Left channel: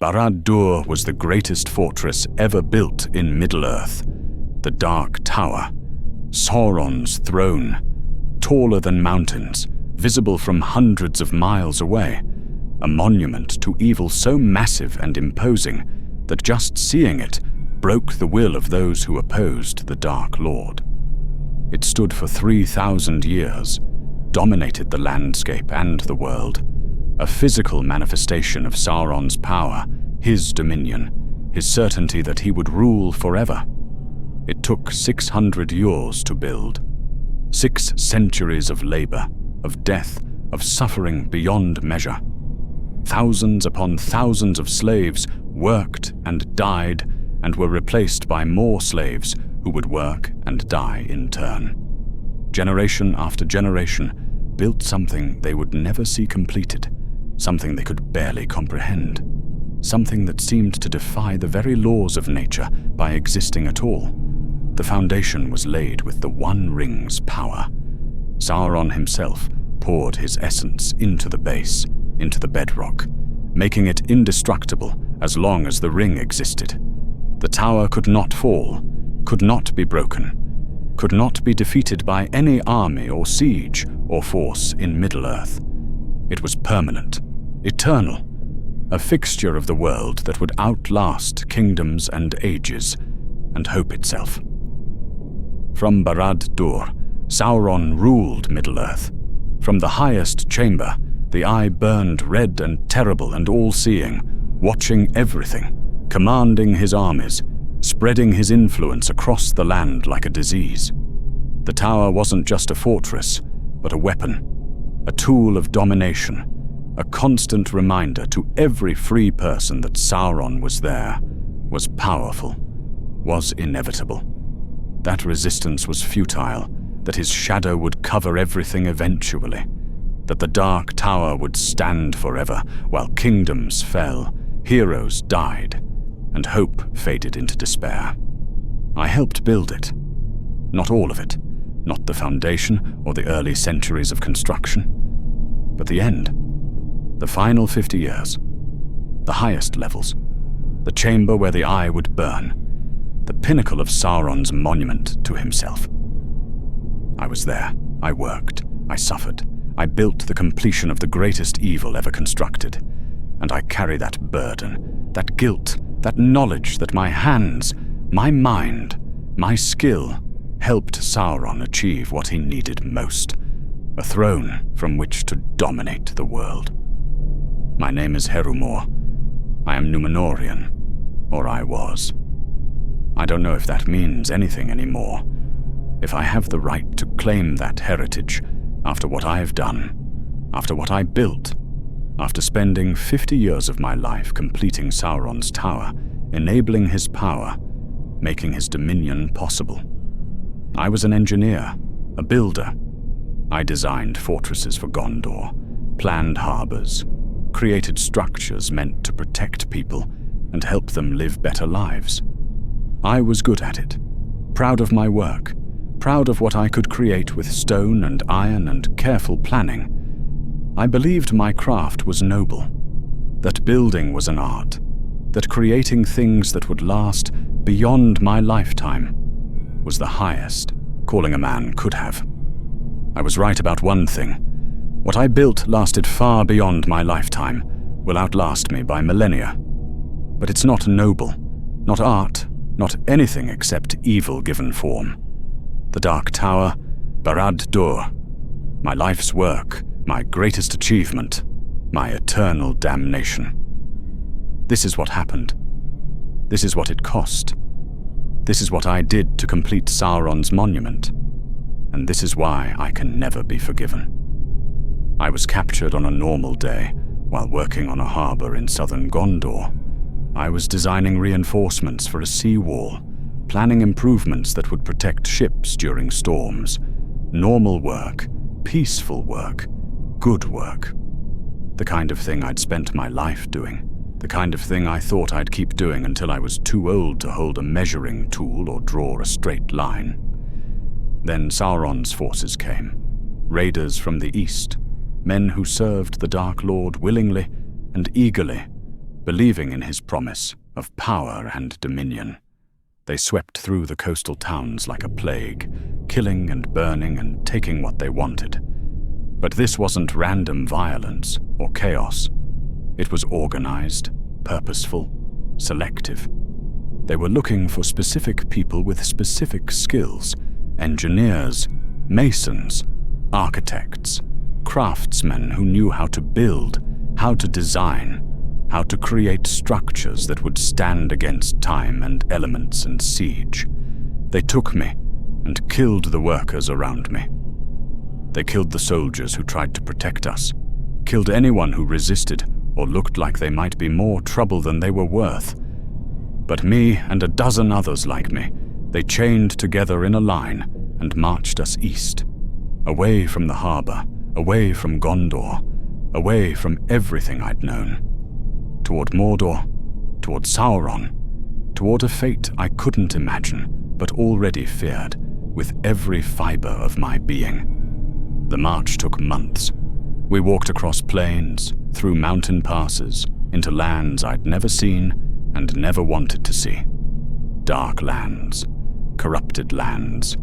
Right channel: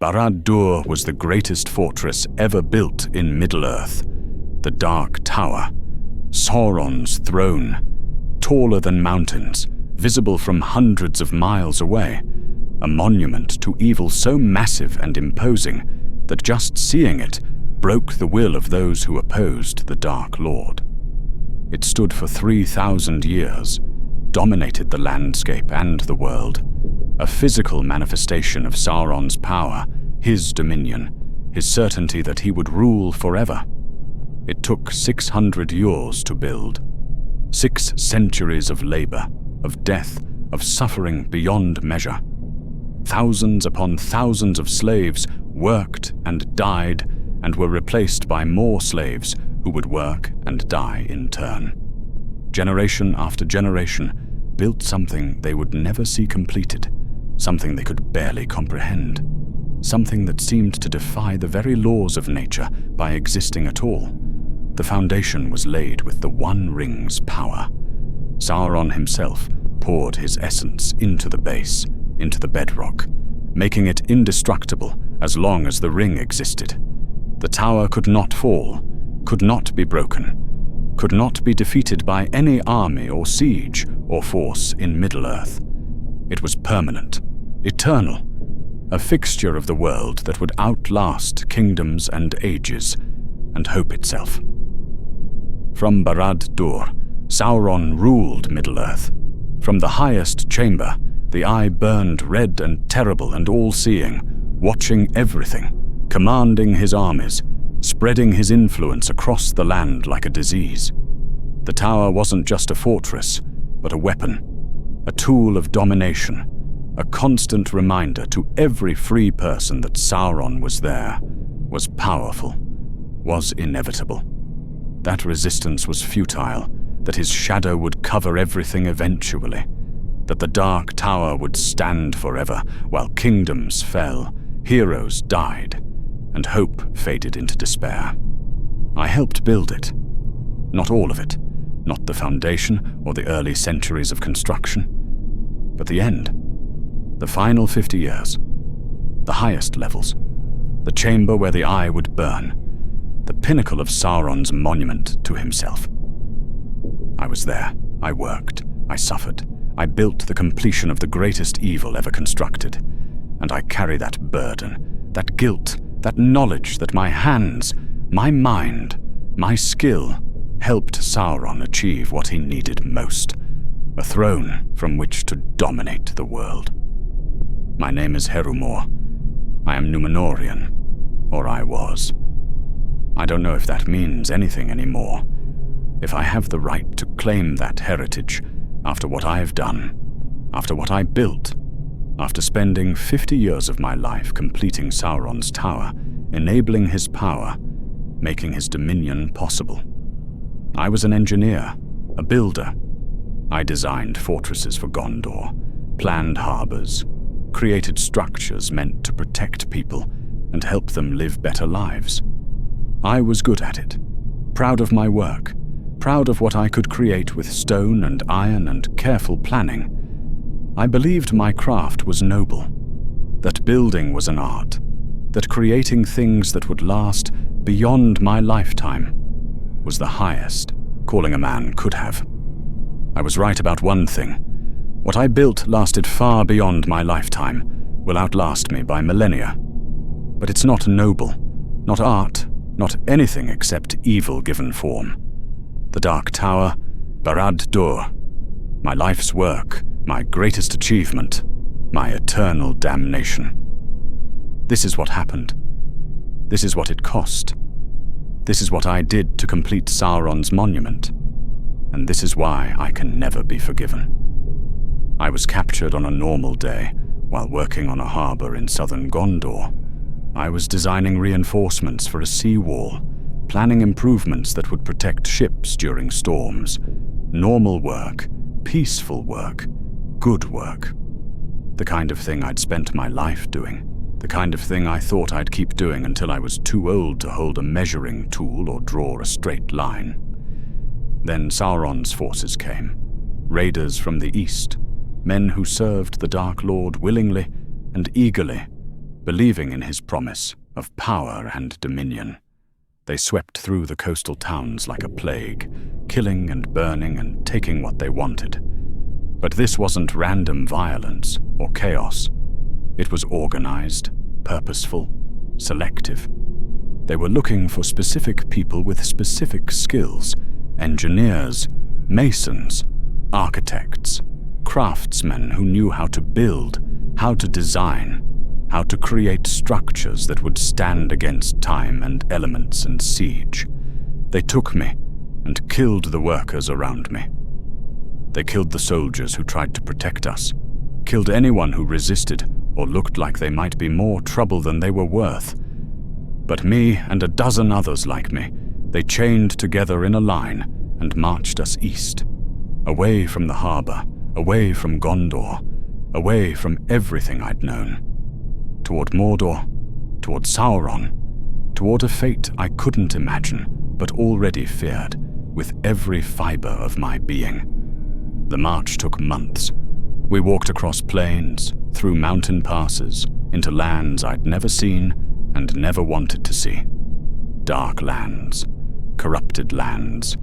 Barad-dûr was the greatest fortress ever built in Middle-earth. The Dark Tower, Sauron's throne, taller than mountains, visible from hundreds of miles away, a monument to evil so massive and imposing that just seeing it broke the will of those who opposed the Dark Lord. It stood for 3,000 years, dominated the landscape and the world, a physical manifestation of Sauron's power, his dominion, his certainty that he would rule forever. It took 600 years to build. 6 centuries of labor, of death, of suffering beyond measure. Thousands upon thousands of slaves worked and died and were replaced by more slaves who would work and die in turn. Generation after generation built something they would never see completed, something they could barely comprehend, something that seemed to defy the very laws of nature by existing at all. The foundation was laid with the One Ring's power. Sauron himself poured his essence into the base, into the bedrock, making it indestructible as long as the ring existed. The tower could not fall, could not be broken, could not be defeated by any army or siege or force in Middle-earth. It was permanent, eternal, a fixture of the world that would outlast kingdoms and ages, and hope itself. From Barad-dûr, Sauron ruled Middle-earth. From the highest chamber, the eye burned red and terrible and all-seeing, watching everything, commanding his armies, spreading his influence across the land like a disease. The tower wasn't just a fortress, but a weapon, a tool of domination, a constant reminder to every free person that Sauron was there, was powerful, was inevitable. That resistance was futile, that his shadow would cover everything eventually, that the Dark Tower would stand forever while kingdoms fell, heroes died, and hope faded into despair. I helped build it. Not all of it, not the foundation or the early centuries of construction, but the end, the final 50 years, the highest levels, the chamber where the eye would burn, the pinnacle of Sauron's monument to himself. I was there, I worked, I suffered, I built the completion of the greatest evil ever constructed, and I carry that burden, that guilt, that knowledge that my hands, my mind, my skill helped Sauron achieve what he needed most, a throne from which to dominate the world. My name is Herumor. I am Númenórean, or I was. I don't know if that means anything anymore, if I have the right to claim that heritage after what I've done, after what I built, after spending 50 years of my life completing Sauron's tower, enabling his power, making his dominion possible. I was an engineer, a builder. I designed fortresses for Gondor, planned harbors, created structures meant to protect people and help them live better lives. I was good at it, proud of my work, proud of what I could create with stone and iron and careful planning. I believed my craft was noble, that building was an art, that creating things that would last beyond my lifetime was the highest calling a man could have. I was right about one thing. What I built lasted far beyond my lifetime, will outlast me by millennia. But it's not noble, not art, not anything except evil given form. The Dark Tower, Barad-dûr, my life's work, my greatest achievement, my eternal damnation. This is what happened. This is what it cost. This is what I did to complete Sauron's monument. And this is why I can never be forgiven. I was captured on a normal day while working on a harbor in southern Gondor. I was designing reinforcements for a seawall, planning improvements that would protect ships during storms. Normal work, peaceful work, good work. The kind of thing I'd spent my life doing. The kind of thing I thought I'd keep doing until I was too old to hold a measuring tool or draw a straight line. Then Sauron's forces came, raiders from the east, men who served the Dark Lord willingly and eagerly, believing in his promise of power and dominion. They swept through the coastal towns like a plague, killing and burning and taking what they wanted. But this wasn't random violence or chaos. It was organized, purposeful, selective. They were looking for specific people with specific skills: engineers, masons, architects, craftsmen who knew how to build, how to design, how to create structures that would stand against time and elements and siege. They took me and killed the workers around me. They killed the soldiers who tried to protect us, killed anyone who resisted or looked like they might be more trouble than they were worth. But me and a dozen others like me, they chained together in a line and marched us east, away from the harbor, away from Gondor, away from everything I'd known, toward Mordor, toward Sauron, toward a fate I couldn't imagine but already feared with every fiber of my being. The march took months. We walked across plains, through mountain passes, into lands I'd never seen and never wanted to see. Dark lands, corrupted lands,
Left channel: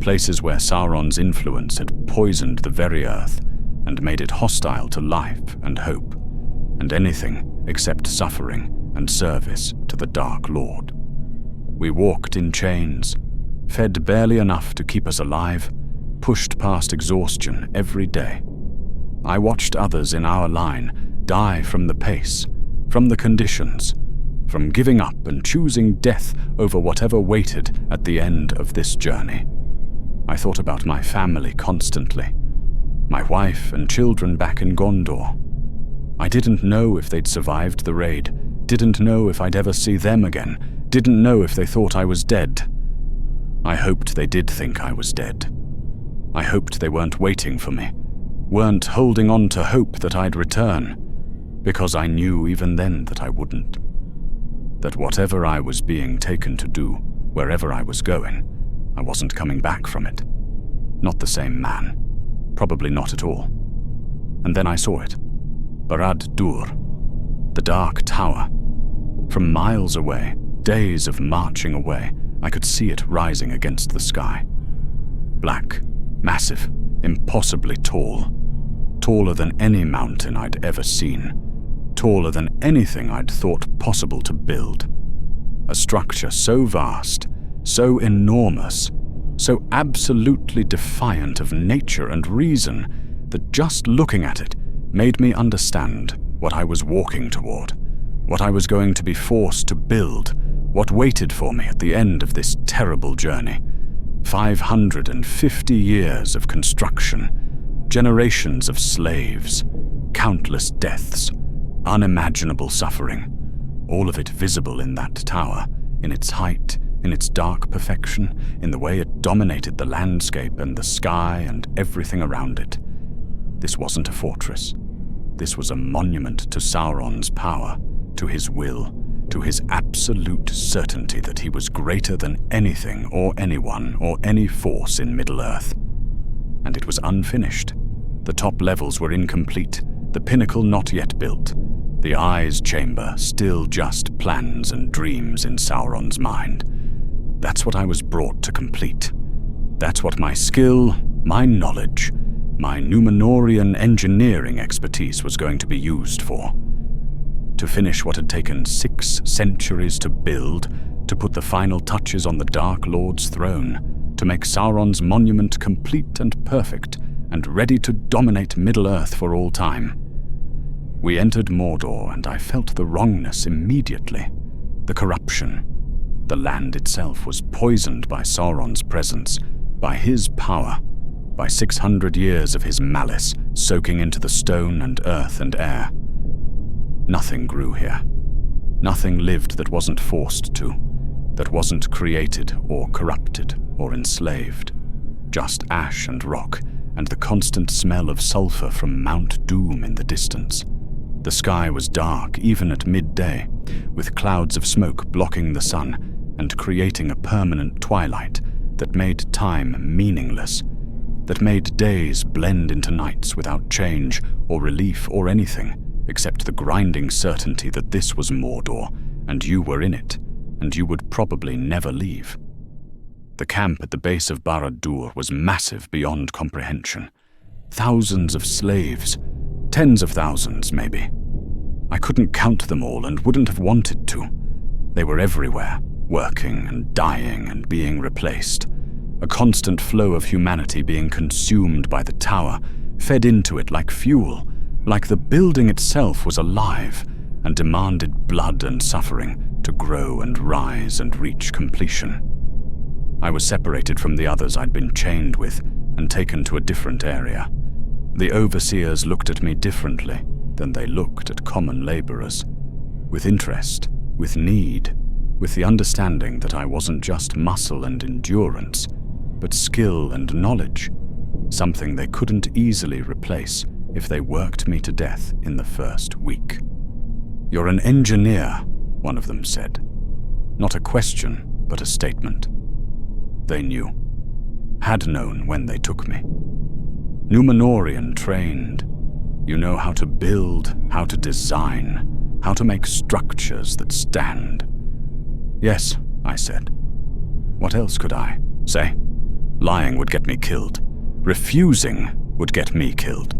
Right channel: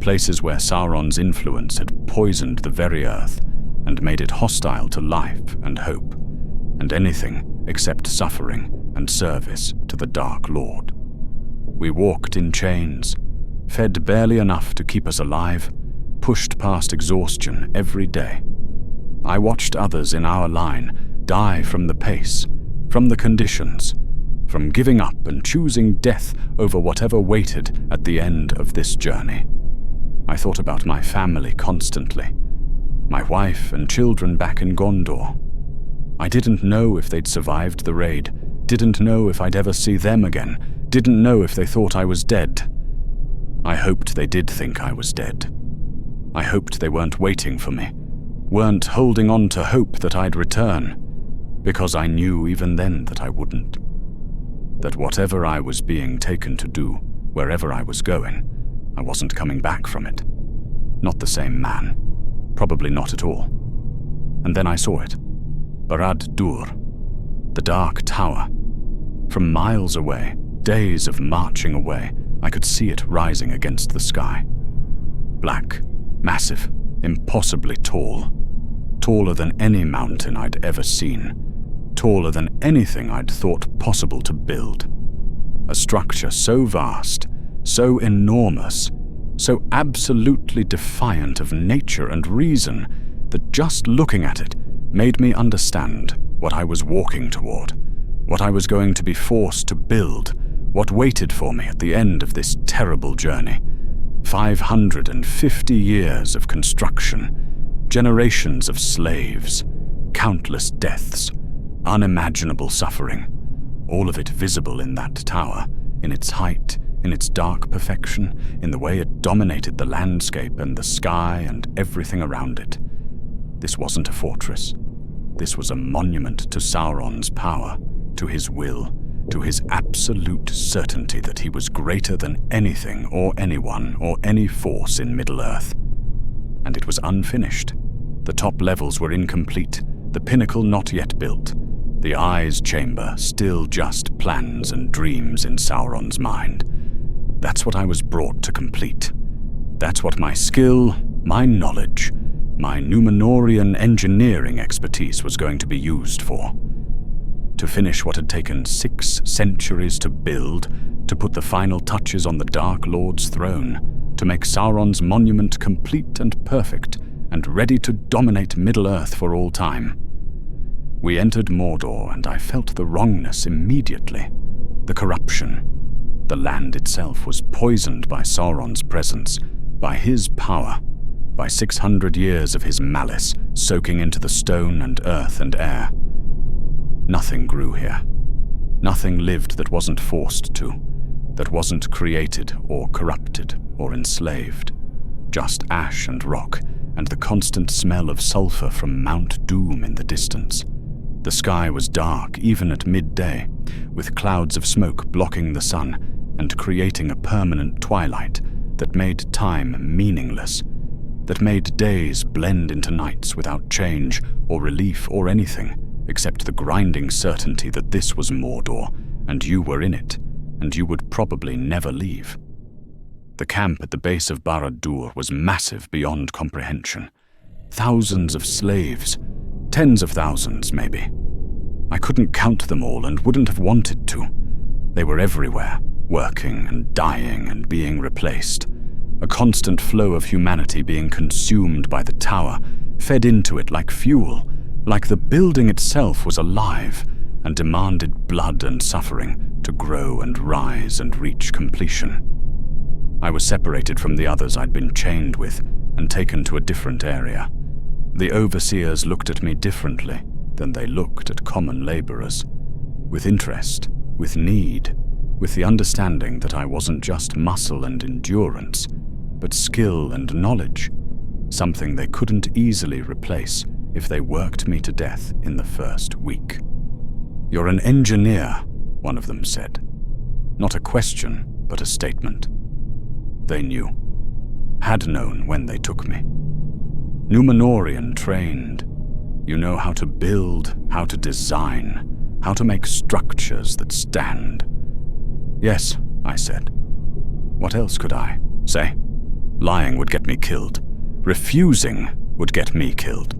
places where Sauron's influence had poisoned the very earth and made it hostile to life and hope, and anything except suffering and service to the Dark Lord. We walked in chains, fed barely enough to keep us alive, pushed past exhaustion every day. I watched others in our line die from the pace, from the conditions, from giving up and choosing death over whatever waited at the end of this journey. I thought about my family constantly, my wife and children back in Gondor. I didn't know if they'd survived the raid, didn't know if I'd ever see them again, didn't know if they thought I was dead. I hoped they did think I was dead. I hoped they weren't waiting for me, weren't holding on to hope that I'd return, because I knew even then that I wouldn't. That whatever I was being taken to do, wherever I was going, I wasn't coming back from it. Not the same man. Probably not at all. And then I saw it. Barad-dûr. The Dark Tower. From miles away, days of marching away, I could see it rising against the sky. Black, massive, impossibly tall. Taller than any mountain I'd ever seen. Taller than anything I'd thought possible to build. A structure so vast, so enormous, so absolutely defiant of nature and reason that just looking at it made me understand what I was walking toward, what I was going to be forced to build, what waited for me at the end of this terrible journey. 550 years of construction, generations of slaves, countless deaths, unimaginable suffering, all of it visible in that tower, in its height, in its dark perfection, in the way it dominated the landscape and the sky and everything around it. This wasn't a fortress. This was a monument to Sauron's power, to his will, to his absolute certainty that he was greater than anything or anyone or any force in Middle-earth. And it was unfinished. The top levels were incomplete, the pinnacle not yet built, the Eyes Chamber still just plans and dreams in Sauron's mind. That's what I was brought to complete. That's what my skill, my knowledge, my Númenórean engineering expertise was going to be used for. To finish what had taken 6 centuries to build, to put the final touches on the Dark Lord's throne, to make Sauron's monument complete and perfect, and ready to dominate Middle-earth for all time. We entered Mordor, and I felt the wrongness immediately. The corruption. The land itself was poisoned by Sauron's presence, by his power, by 600 years of his malice soaking into the stone and earth and air. Nothing grew here. Nothing lived that wasn't forced to, that wasn't created or corrupted or enslaved. Just ash and rock, and the constant smell of sulfur from Mount Doom in the distance. The sky was dark even at midday, with clouds of smoke blocking the sun and creating a permanent twilight that made time meaningless, that made days blend into nights without change or relief or anything except the grinding certainty that this was Mordor, and you were in it, and you would probably never leave. The camp at the base of Barad-dûr was massive beyond comprehension. Thousands of slaves, tens of thousands maybe. I couldn't count them all and wouldn't have wanted to. They were everywhere, working and dying and being replaced. A constant flow of humanity being consumed by the tower, fed into it like fuel, like the building itself was alive and demanded blood and suffering to grow and rise and reach completion. I was separated from the others I'd been chained with and taken to a different area. The overseers looked at me differently than they looked at common laborers, with interest, with need, with the understanding that I wasn't just muscle and endurance, but skill and knowledge, something they couldn't easily replace if they worked me to death in the first week. "You're an engineer," one of them said. Not a question, but a statement. They knew, had known when they took me. Númenórean trained. You know how to build, how to design, how to make structures that stand. "Yes," I said. What else could I say? Lying would get me killed. Refusing would get me killed.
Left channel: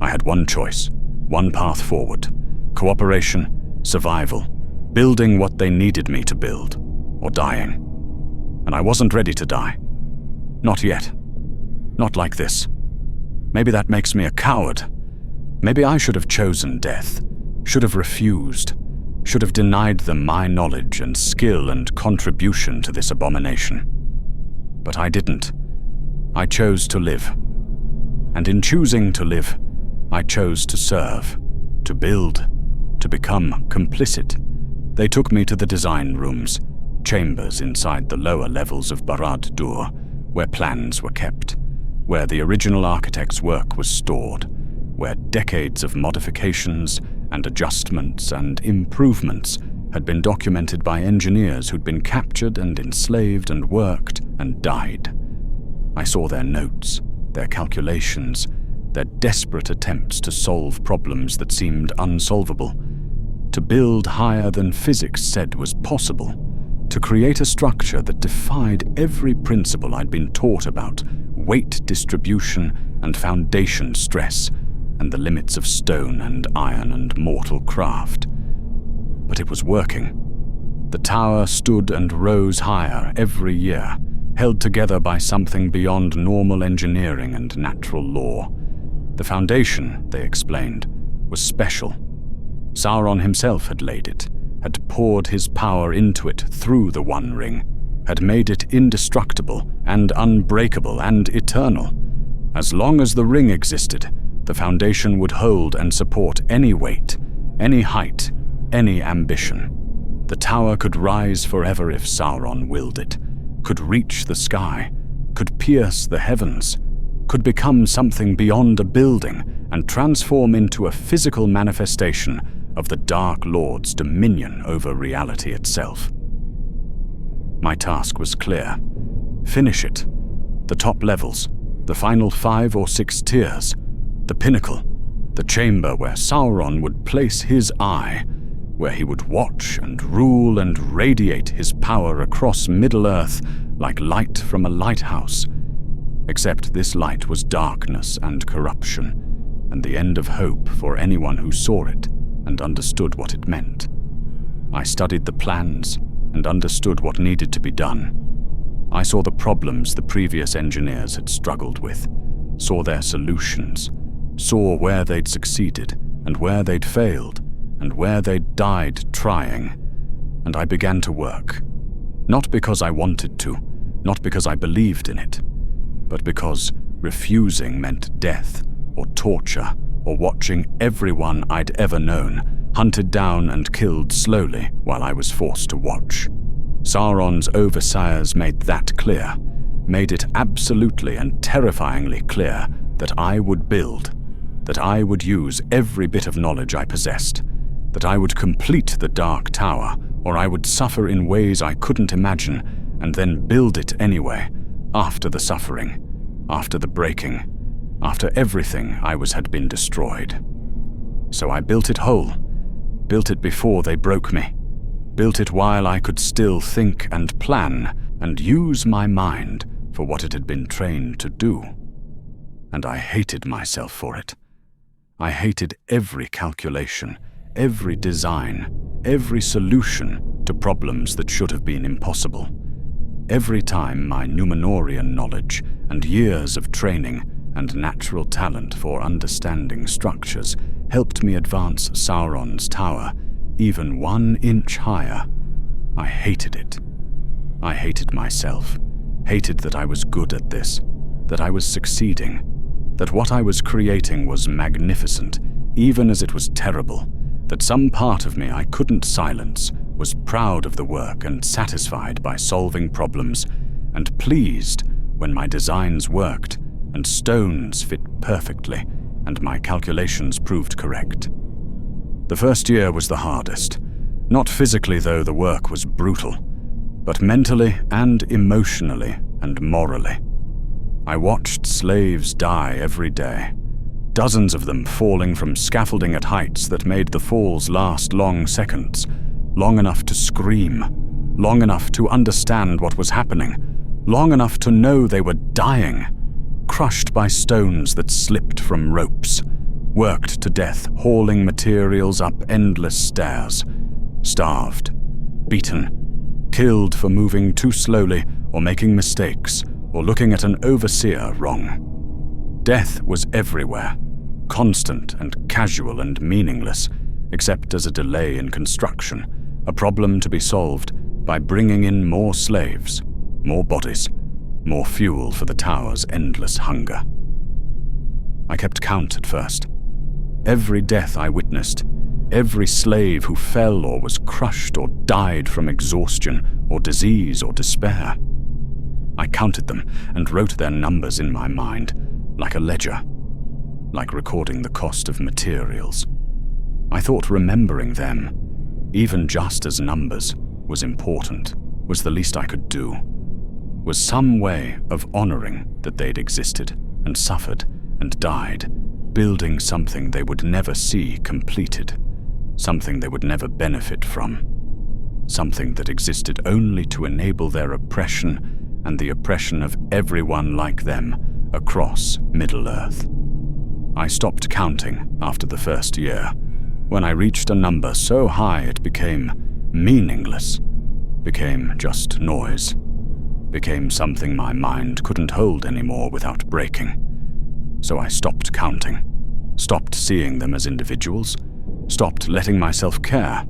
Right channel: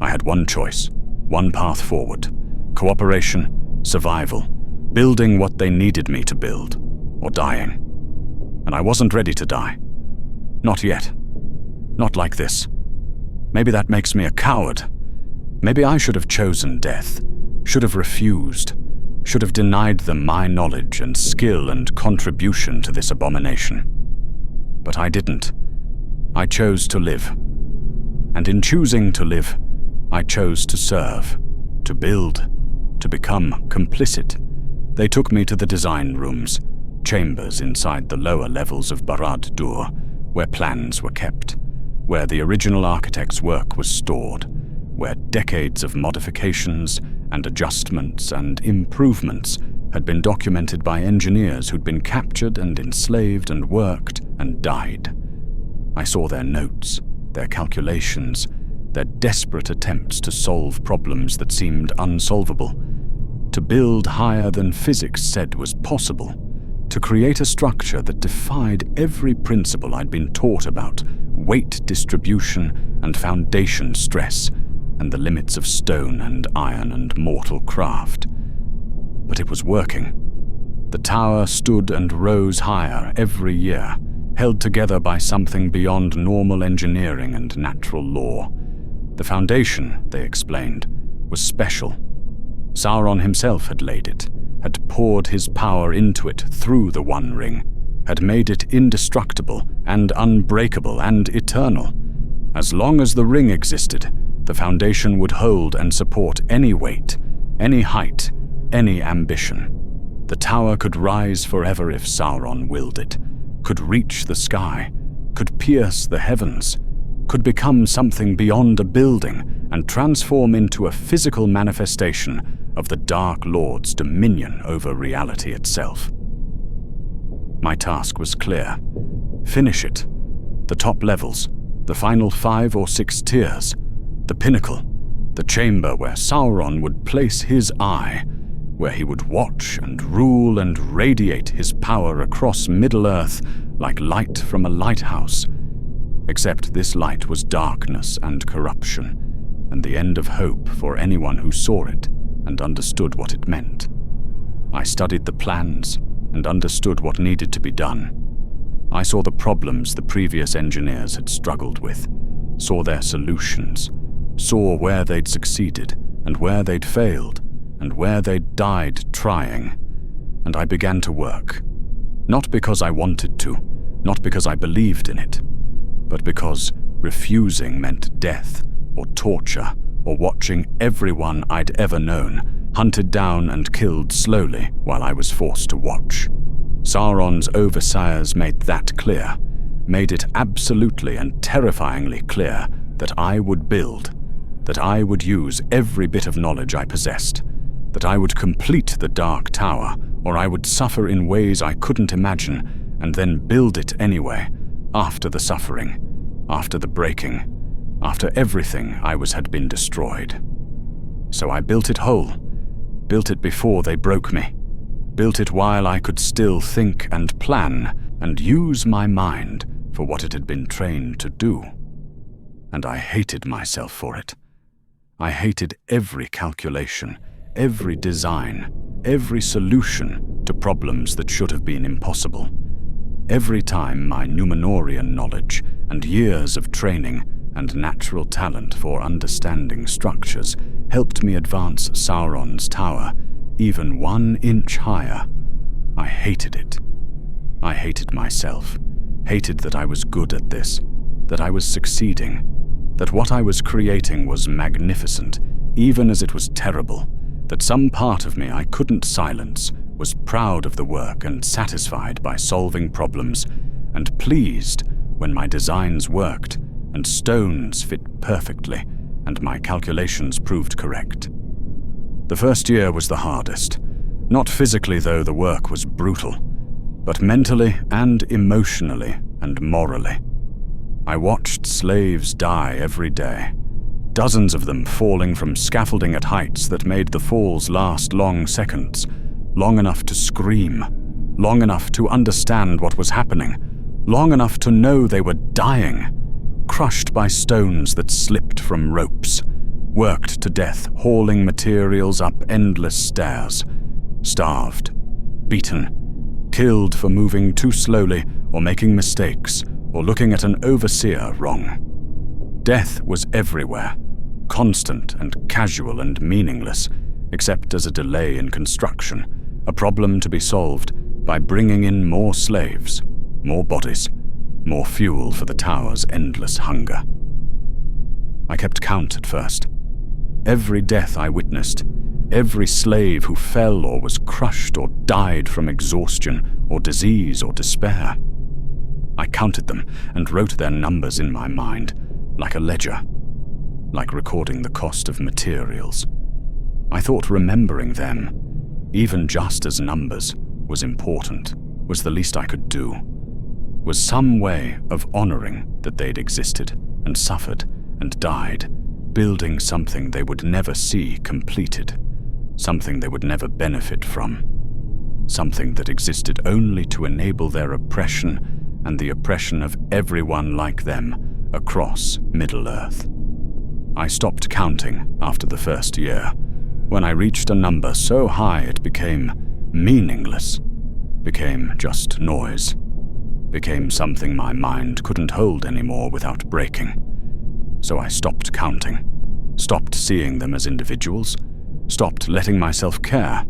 I had one choice, one path forward. Cooperation, survival, building what they needed me to build, or dying. And I wasn't ready to die. Not yet. Not like this. Maybe that makes me a coward. Maybe I should have chosen death, should have refused, should have denied them my knowledge and skill and contribution to this abomination. But I didn't. I chose to live. And in choosing to live, I chose to serve, to build, to become complicit. They took me to the design rooms, chambers inside the lower levels of Barad-dûr, where plans were kept, where the original architect's work was stored, where decades of modifications and adjustments and improvements had been documented by engineers who'd been captured and enslaved and worked and died. I saw their notes, their calculations, their desperate attempts to solve problems that seemed unsolvable, to build higher than physics said was possible, to create a structure that defied every principle I'd been taught about weight distribution and foundation stress, and the limits of stone and iron and mortal craft. But it was working. The tower stood and rose higher every year, held together by something beyond normal engineering and natural law. The foundation, they explained, was special. Sauron himself had laid it, had poured his power into it through the One Ring, had made it indestructible and unbreakable and eternal. As long as the ring existed, the foundation would hold and support any weight, any height, any ambition. The tower could rise forever if Sauron willed it, could reach the sky, could pierce the heavens, could become something beyond a building and transform into a physical manifestation of the Dark Lord's dominion over reality itself. My task was clear. Finish it. The top levels, the final 5 or 6 tiers, the pinnacle, the chamber where Sauron would place his eye, where he would watch and rule and radiate his power across Middle-earth like light from a lighthouse. Except this light was darkness and corruption, and the end of hope for anyone who saw it and understood what it meant. I studied the plans and understood what needed to be done. I saw the problems the previous engineers had struggled with, saw their solutions, saw where they'd succeeded and where they'd failed and where they'd died trying, and I began to work. Not because I wanted to, not because I believed in it, but because refusing meant death or torture or watching everyone I'd ever known hunted down and killed slowly while I was forced to watch. Sauron's overseers made that clear, made it absolutely and terrifyingly clear that I would build, that I would use every bit of knowledge I possessed, that I would complete the Dark Tower, or I would suffer in ways I couldn't imagine, and then build it anyway, after the suffering, after the breaking, after everything I was had been destroyed. So I built it whole, built it before they broke me, built it while I could still think and plan and use my mind for what it had been trained to do. And I hated myself for it. I hated every calculation, every design, every solution to problems that should have been impossible. Every time my Númenórean knowledge and years of training and natural talent for understanding structures helped me advance Sauron's tower even 1 inch higher, I hated it. I hated myself, hated that I was good at this, that I was succeeding, that what I was creating was magnificent, even as it was terrible, that some part of me I couldn't silence was proud of the work and satisfied by solving problems, and pleased when my designs worked and stones fit perfectly and my calculations proved correct. The first year was the hardest. Not physically, though the work was brutal, but mentally and emotionally and morally. I watched slaves die every day, dozens of them falling from scaffolding at heights that made the falls last long seconds, long enough to scream, long enough to understand what was happening, long enough to know they were dying, crushed by stones that slipped from ropes, worked to death hauling materials up endless stairs, starved, beaten, killed for moving too slowly or making mistakes or looking at an overseer wrong. Death was everywhere, constant and casual and meaningless, except as a delay in construction, a problem to be solved by bringing in more slaves, more bodies, more fuel for the tower's endless hunger. I kept count at first. Every death I witnessed, every slave who fell or was crushed or died from exhaustion or disease or despair. I counted them and wrote their numbers in my mind, like a ledger, like recording the cost of materials. I thought remembering them, even just as numbers, was important, was the least I could do, was some way of honoring that they'd existed and suffered and died, building something they would never see completed, something they would never benefit from, something that existed only to enable their oppression and the oppression of everyone like them across Middle-earth. I stopped counting after the first year, when I reached a number so high it became meaningless, became just noise, became something my mind couldn't hold anymore without breaking. So I stopped counting, stopped seeing them as individuals, stopped letting myself care.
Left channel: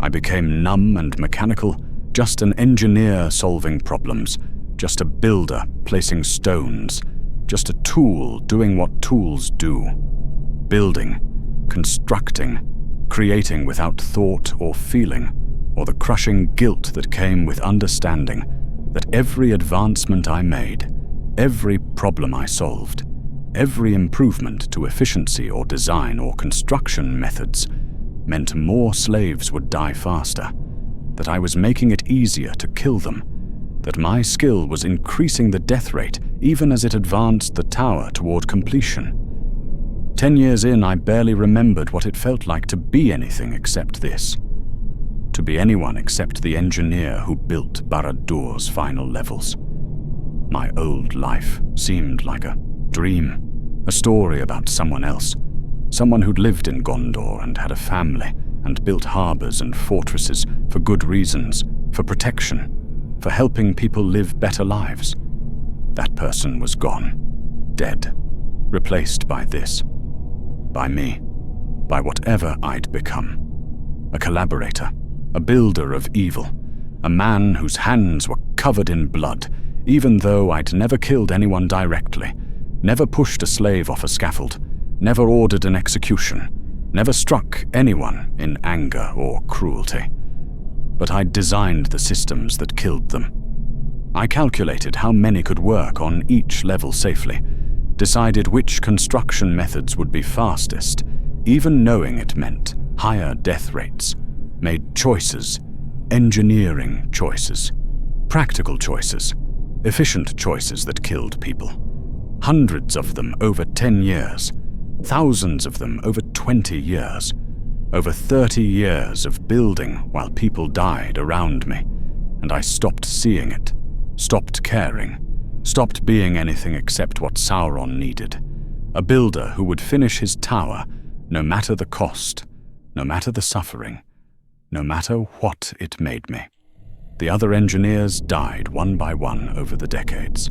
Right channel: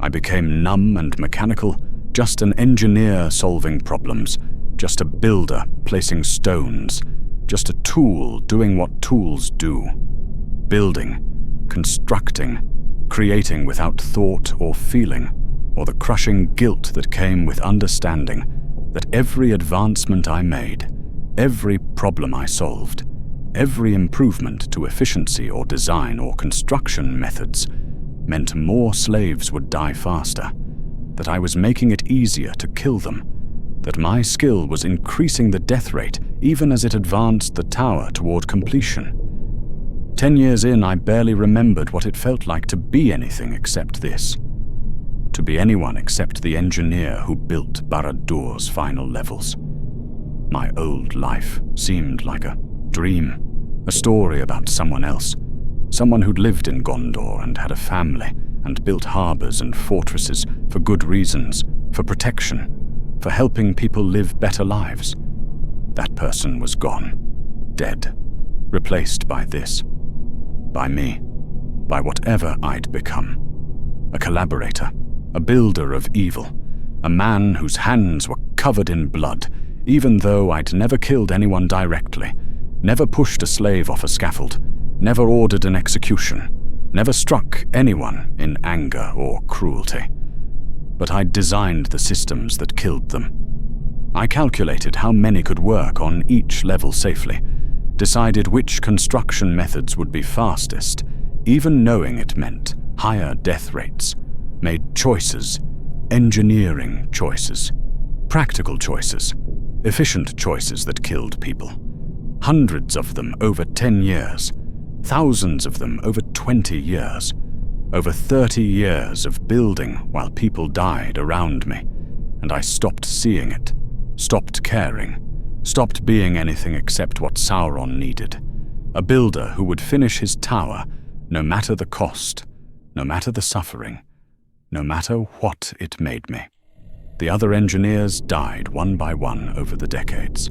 I became numb and mechanical, just an engineer solving problems, just a builder placing stones, just a tool doing what tools do. Building, constructing, creating without thought or feeling, or the crushing guilt that came with understanding that every advancement I made, every problem I solved, every improvement to efficiency or design or construction methods meant more slaves would die faster, that I was making it easier to kill them, that my skill was increasing the death rate even as it advanced the tower toward completion. 10 years in, I barely remembered what it felt like to be anything except this. To be anyone except the engineer who built Barad-dûr's final levels. My old life seemed like a dream, a story about someone else, someone who'd lived in Gondor and had a family and built harbors and fortresses for good reasons, for protection, for helping people live better lives. That person was gone, dead, replaced by this, by me, by whatever I'd become. A collaborator, a builder of evil, a man whose hands were covered in blood, even though I'd never killed anyone directly, never pushed a slave off a scaffold, never ordered an execution, never struck anyone in anger or cruelty. But I'd designed the systems that killed them. I calculated how many could work on each level safely, decided which construction methods would be fastest, even knowing it meant higher death rates, made choices, engineering choices, practical choices, efficient choices that killed people. Hundreds of them over 10 years, thousands of them over 20 years. Over 30 years of building while people died around me, and I stopped seeing it, stopped caring, stopped being anything except what Sauron needed. A builder who would finish his tower no matter the cost, no matter the suffering, no matter what it made me. The other engineers died one by one over the decades.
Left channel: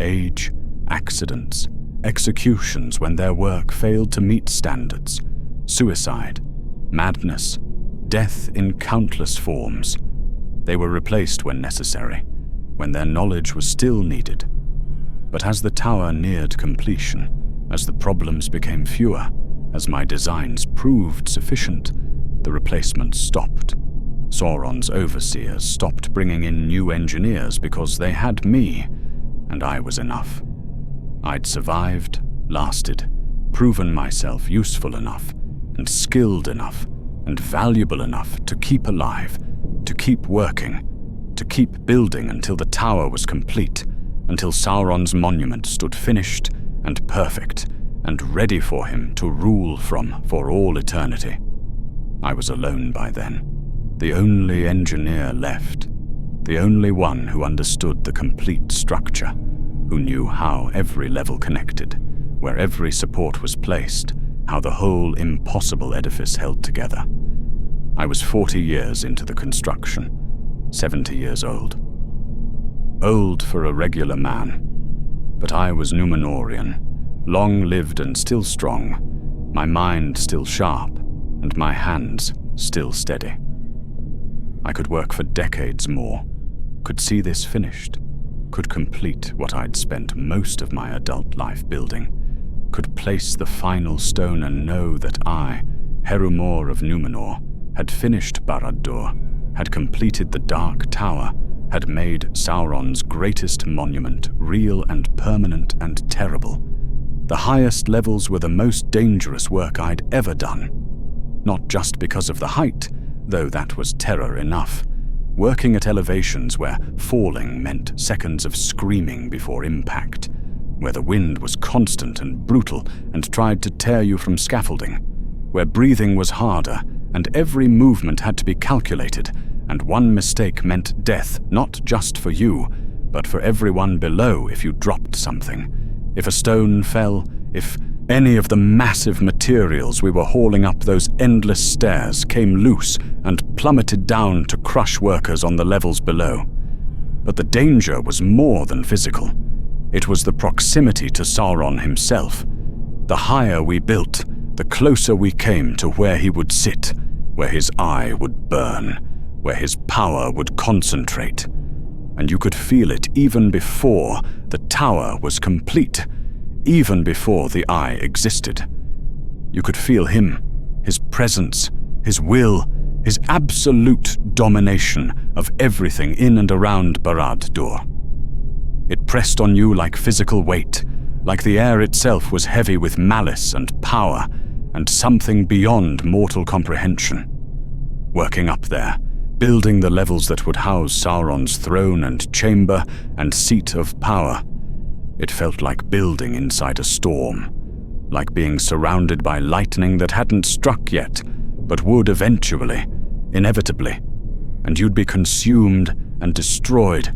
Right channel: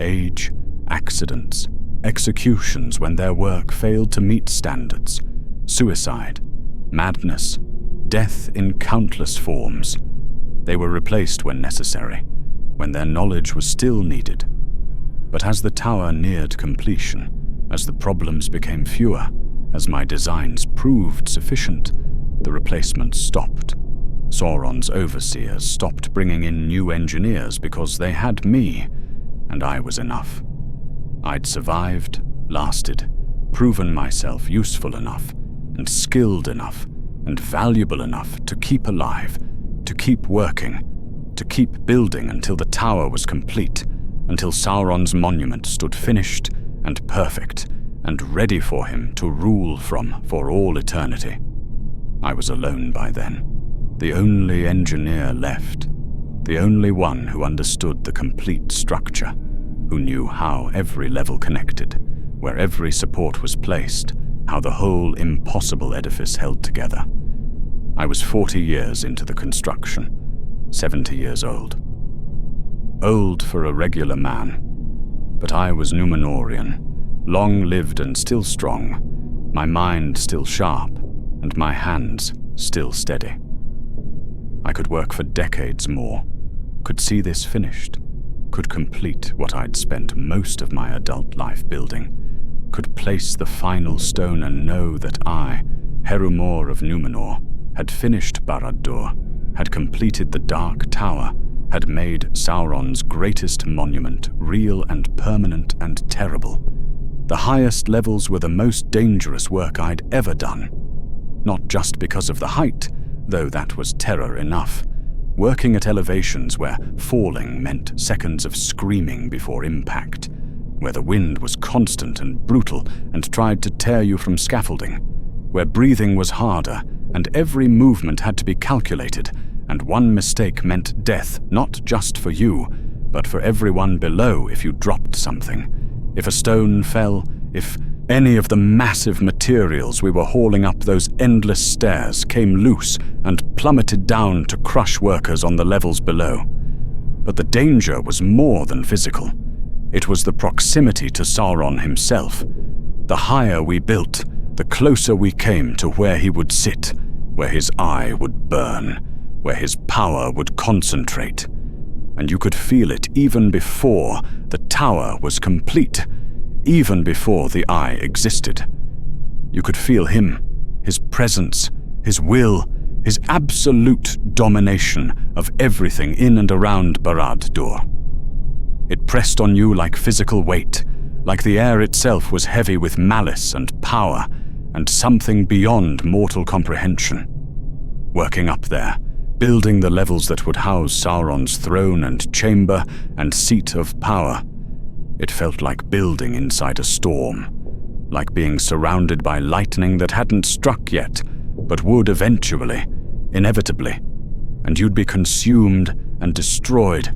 Age, accidents, executions when their work failed to meet standards, suicide, madness, death in countless forms. They were replaced when necessary, when their knowledge was still needed. But as the tower neared completion, as the problems became fewer, as my designs proved sufficient, the replacements stopped. Sauron's overseers stopped bringing in new engineers because they had me, and I was enough. I'd survived, lasted, proven myself useful enough, and skilled enough, and valuable enough to keep alive, to keep working, to keep building until the tower was complete, until Sauron's monument stood finished and perfect, and ready for him to rule from for all eternity. I was alone by then, the only engineer left, the only one who understood the complete structure, who knew how every level connected, where every support was placed, how the whole impossible edifice held together. I was 40 years into the construction, 70 years old. Old for a regular man, but I was Númenórean, long-lived and still strong, my mind still sharp, and my hands still steady. I could work for decades more, could see this finished, could complete what I'd spent most of my adult life building, could place the final stone and know that I, Herumor of Númenor, had finished Barad-dûr, had completed the Dark Tower, had made Sauron's greatest monument real and permanent and terrible. The highest levels were the most dangerous work I'd ever done. Not just because of the height, though that was terror enough. Working at elevations where falling meant seconds of screaming before impact, where the wind was constant and brutal and tried to tear you from scaffolding, where breathing was harder and every movement had to be calculated, and one mistake meant death not just for you, but for everyone below if you dropped something. If a stone fell, if any of the massive materials we were hauling up those endless stairs came loose and plummeted down to crush workers on the levels below. But the danger was more than physical. It was the proximity to Sauron himself. The higher we built, the closer we came to where he would sit, where his eye would burn, where his power would concentrate. And you could feel it even before the tower was complete, even before the eye existed. You could feel him, his presence, his will, his absolute domination of everything in and around Barad-dûr. It pressed on you like physical weight, like the air itself was heavy with malice and power, and something beyond mortal comprehension. Working up there, building the levels that would house Sauron's throne and chamber and seat of power, it felt like building inside a storm, like being surrounded by lightning that hadn't struck yet, but would eventually, inevitably, and you'd be consumed and destroyed,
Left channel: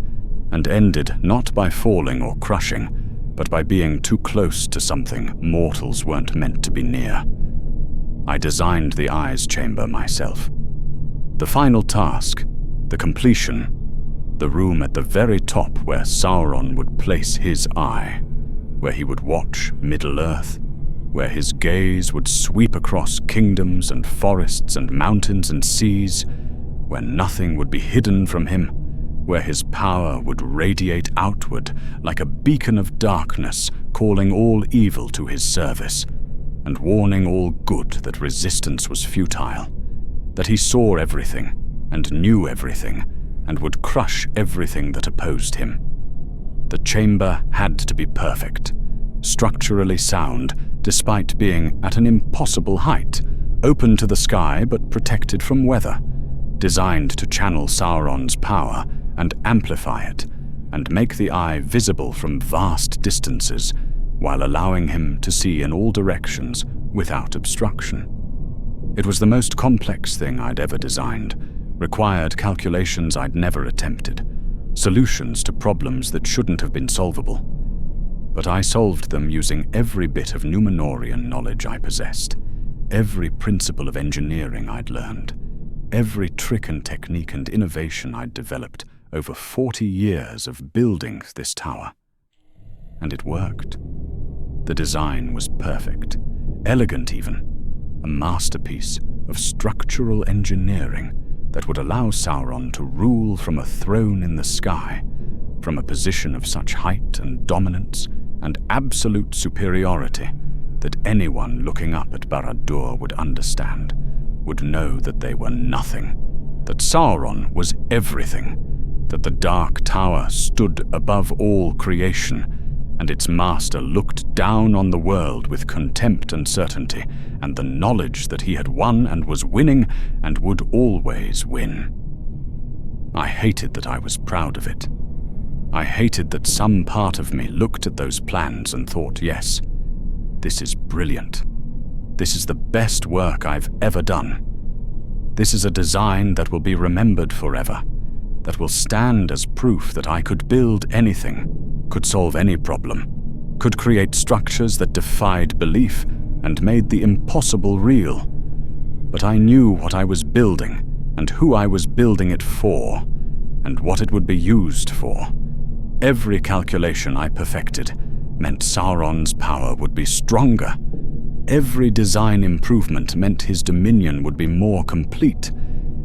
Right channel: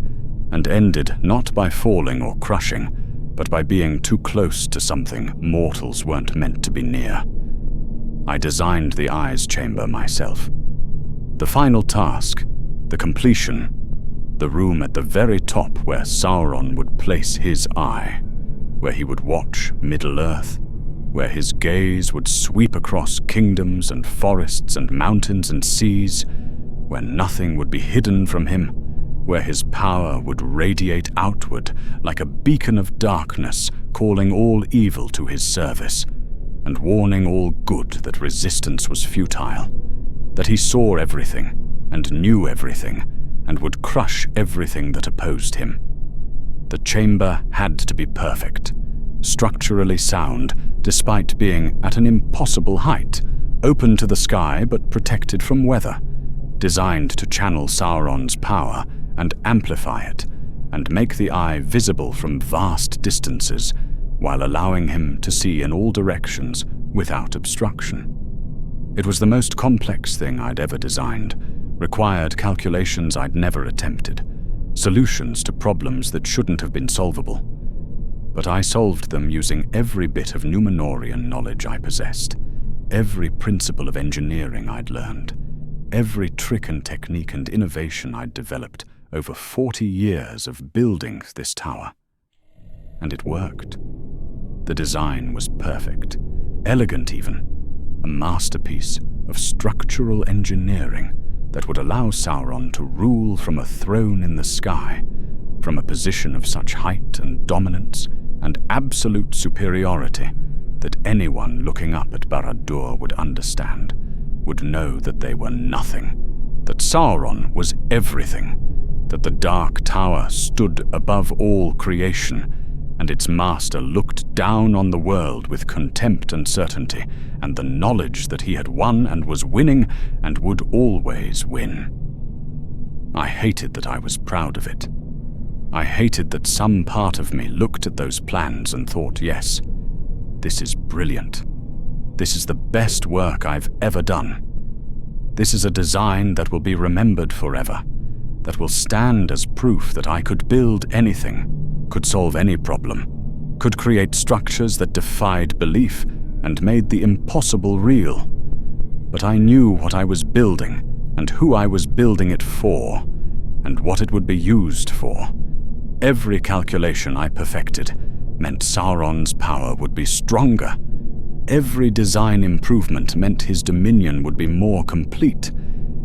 and ended not by falling or crushing, but by being too close to something mortals weren't meant to be near. I designed the Eye's chamber myself. The final task, the completion, the room at the very top where Sauron would place his eye, where he would watch Middle-earth, where his gaze would sweep across kingdoms and forests and mountains and seas, where nothing would be hidden from him, where his power would radiate outward like a beacon of darkness, calling all evil to his service, and warning all good that resistance was futile, that he saw everything and knew everything, and would crush everything that opposed him. The chamber had to be perfect, structurally sound, despite being at an impossible height, open to the sky but protected from weather, designed to channel Sauron's power and amplify it, and make the Eye visible from vast distances, while allowing him to see in all directions without obstruction. It was the most complex thing I'd ever designed, required calculations I'd never attempted, solutions to problems that shouldn't have been solvable. But I solved them using every bit of Númenórean knowledge I possessed, every principle of engineering I'd learned, every trick and technique and innovation I'd developed over 40 years of building this tower. And it worked. The design was perfect, elegant even, a masterpiece of structural engineering that would allow Sauron to rule from a throne in the sky, from a position of such height and dominance and absolute superiority that anyone looking up at Barad-dûr would understand, would know that they were nothing, that Sauron was everything, that the Dark Tower stood above all creation, and its master looked down on the world with contempt and certainty, and the knowledge that he had won and was winning and would always win. I hated that I was proud of it. I hated that some part of me looked at those plans and thought, yes, this is brilliant. This is the best work I've ever done. This is a design that will be remembered forever, that will stand as proof that I could build anything, could solve any problem, could create structures that defied belief and made the impossible real. But I knew what I was building and who I was building it for, and what it would be used for. Every calculation I perfected meant Sauron's power would be stronger. Every design improvement meant his dominion would be more complete.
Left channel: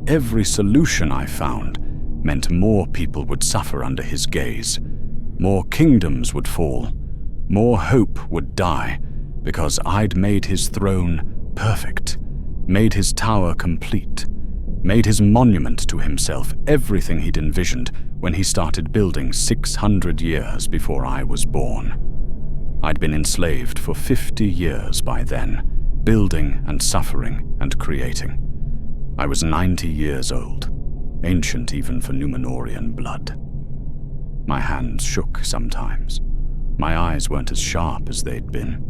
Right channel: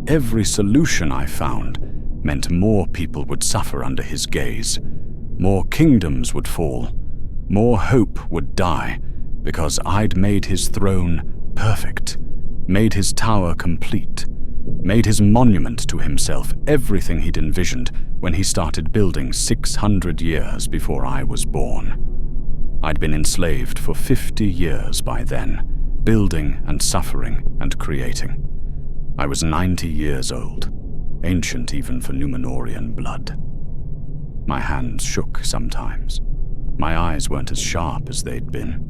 Every solution I found meant more people would suffer under his gaze. More kingdoms would fall. More hope would die, because I'd made his throne perfect, made his tower complete, made his monument to himself everything he'd envisioned when he started building 600 years before I was born. I'd been enslaved for 50 years by then, building and suffering and creating. I was 90 years old, ancient even for Númenórean blood. My hands shook sometimes. My eyes weren't as sharp as they'd been.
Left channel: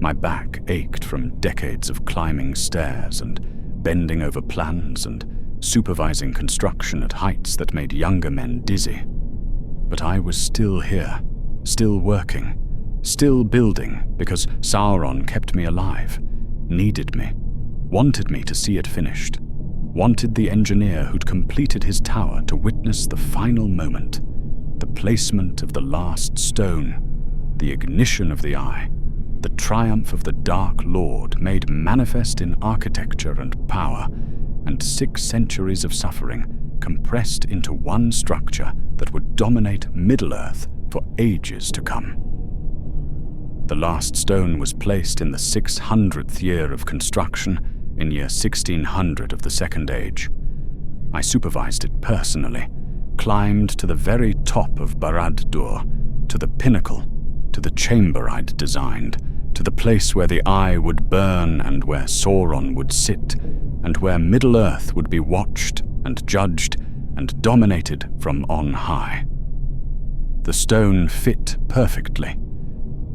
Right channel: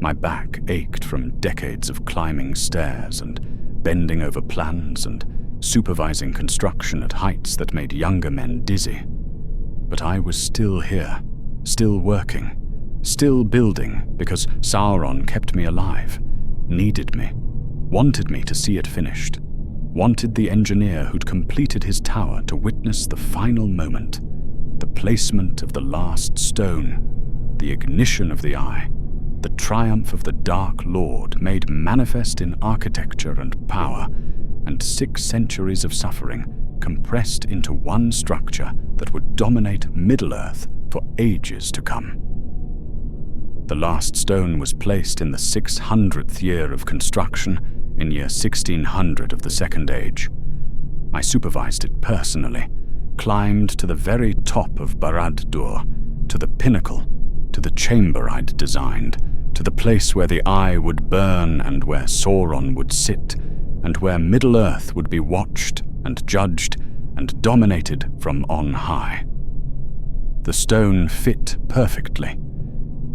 My back ached from decades of climbing stairs and bending over plans and supervising construction at heights that made younger men dizzy. But I was still here, still working, still building because Sauron kept me alive, needed me, wanted me to see it finished, wanted the engineer who'd completed his tower to witness the final moment, the placement of the last stone, the ignition of the eye, the triumph of the Dark Lord made manifest in architecture and power, and 6 centuries of suffering compressed into one structure that would dominate Middle-earth for ages to come. The last stone was placed in the 600th year of construction, in year 1600 of the Second Age. I supervised it personally, climbed to the very top of Barad-dûr, to the pinnacle, to the chamber I'd designed, to the place where the eye would burn and where Sauron would sit, and where Middle-earth would be watched and judged and dominated from on high. The stone fit perfectly.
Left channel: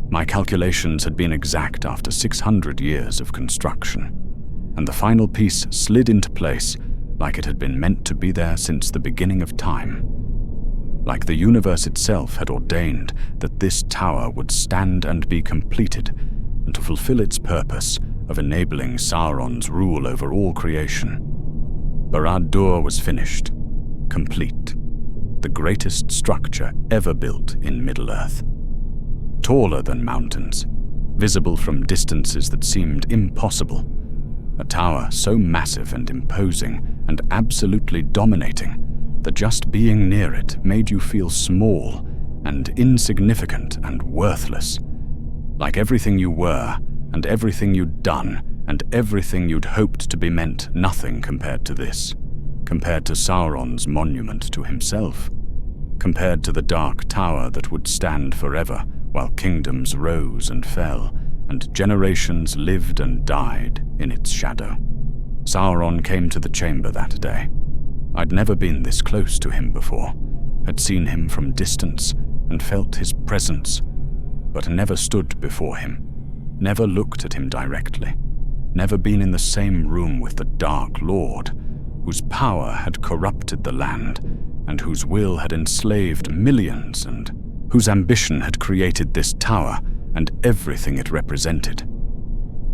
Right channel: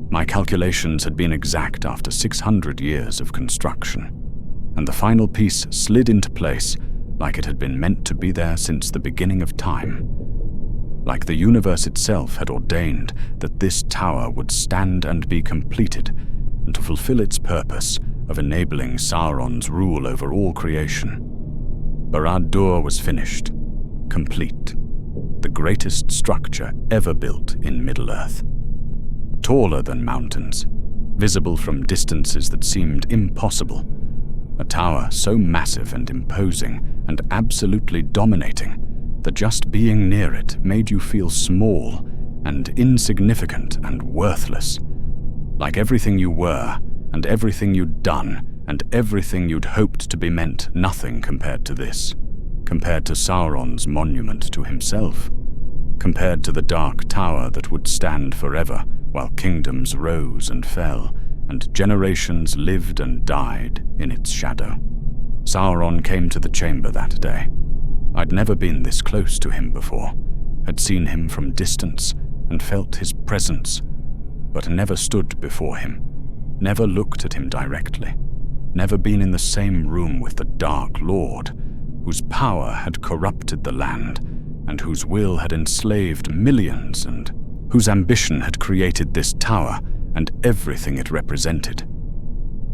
My calculations had been exact after 600 years of construction, and the final piece slid into place like it had been meant to be there since the beginning of time. Like the universe itself had ordained that this tower would stand and be completed, and to fulfill its purpose of enabling Sauron's rule over all creation. Barad-dûr was finished, complete, the greatest structure ever built in Middle-earth. Taller than mountains, visible from distances that seemed impossible, a tower so massive and imposing and absolutely dominating that just being near it made you feel small and insignificant and worthless, like everything you were and everything you'd done and everything you'd hoped to be meant nothing compared to this, compared to Sauron's monument to himself, compared to the Dark Tower that would stand forever while kingdoms rose and fell and generations lived and died in its shadow. Sauron came to the chamber that day. I'd never been this close to him before, had seen him from distance and felt his presence, but never stood before him, never looked at him directly, never been in the same room with the Dark Lord, whose power had corrupted the land and whose will had enslaved millions and whose ambition had created this tower and everything it represented.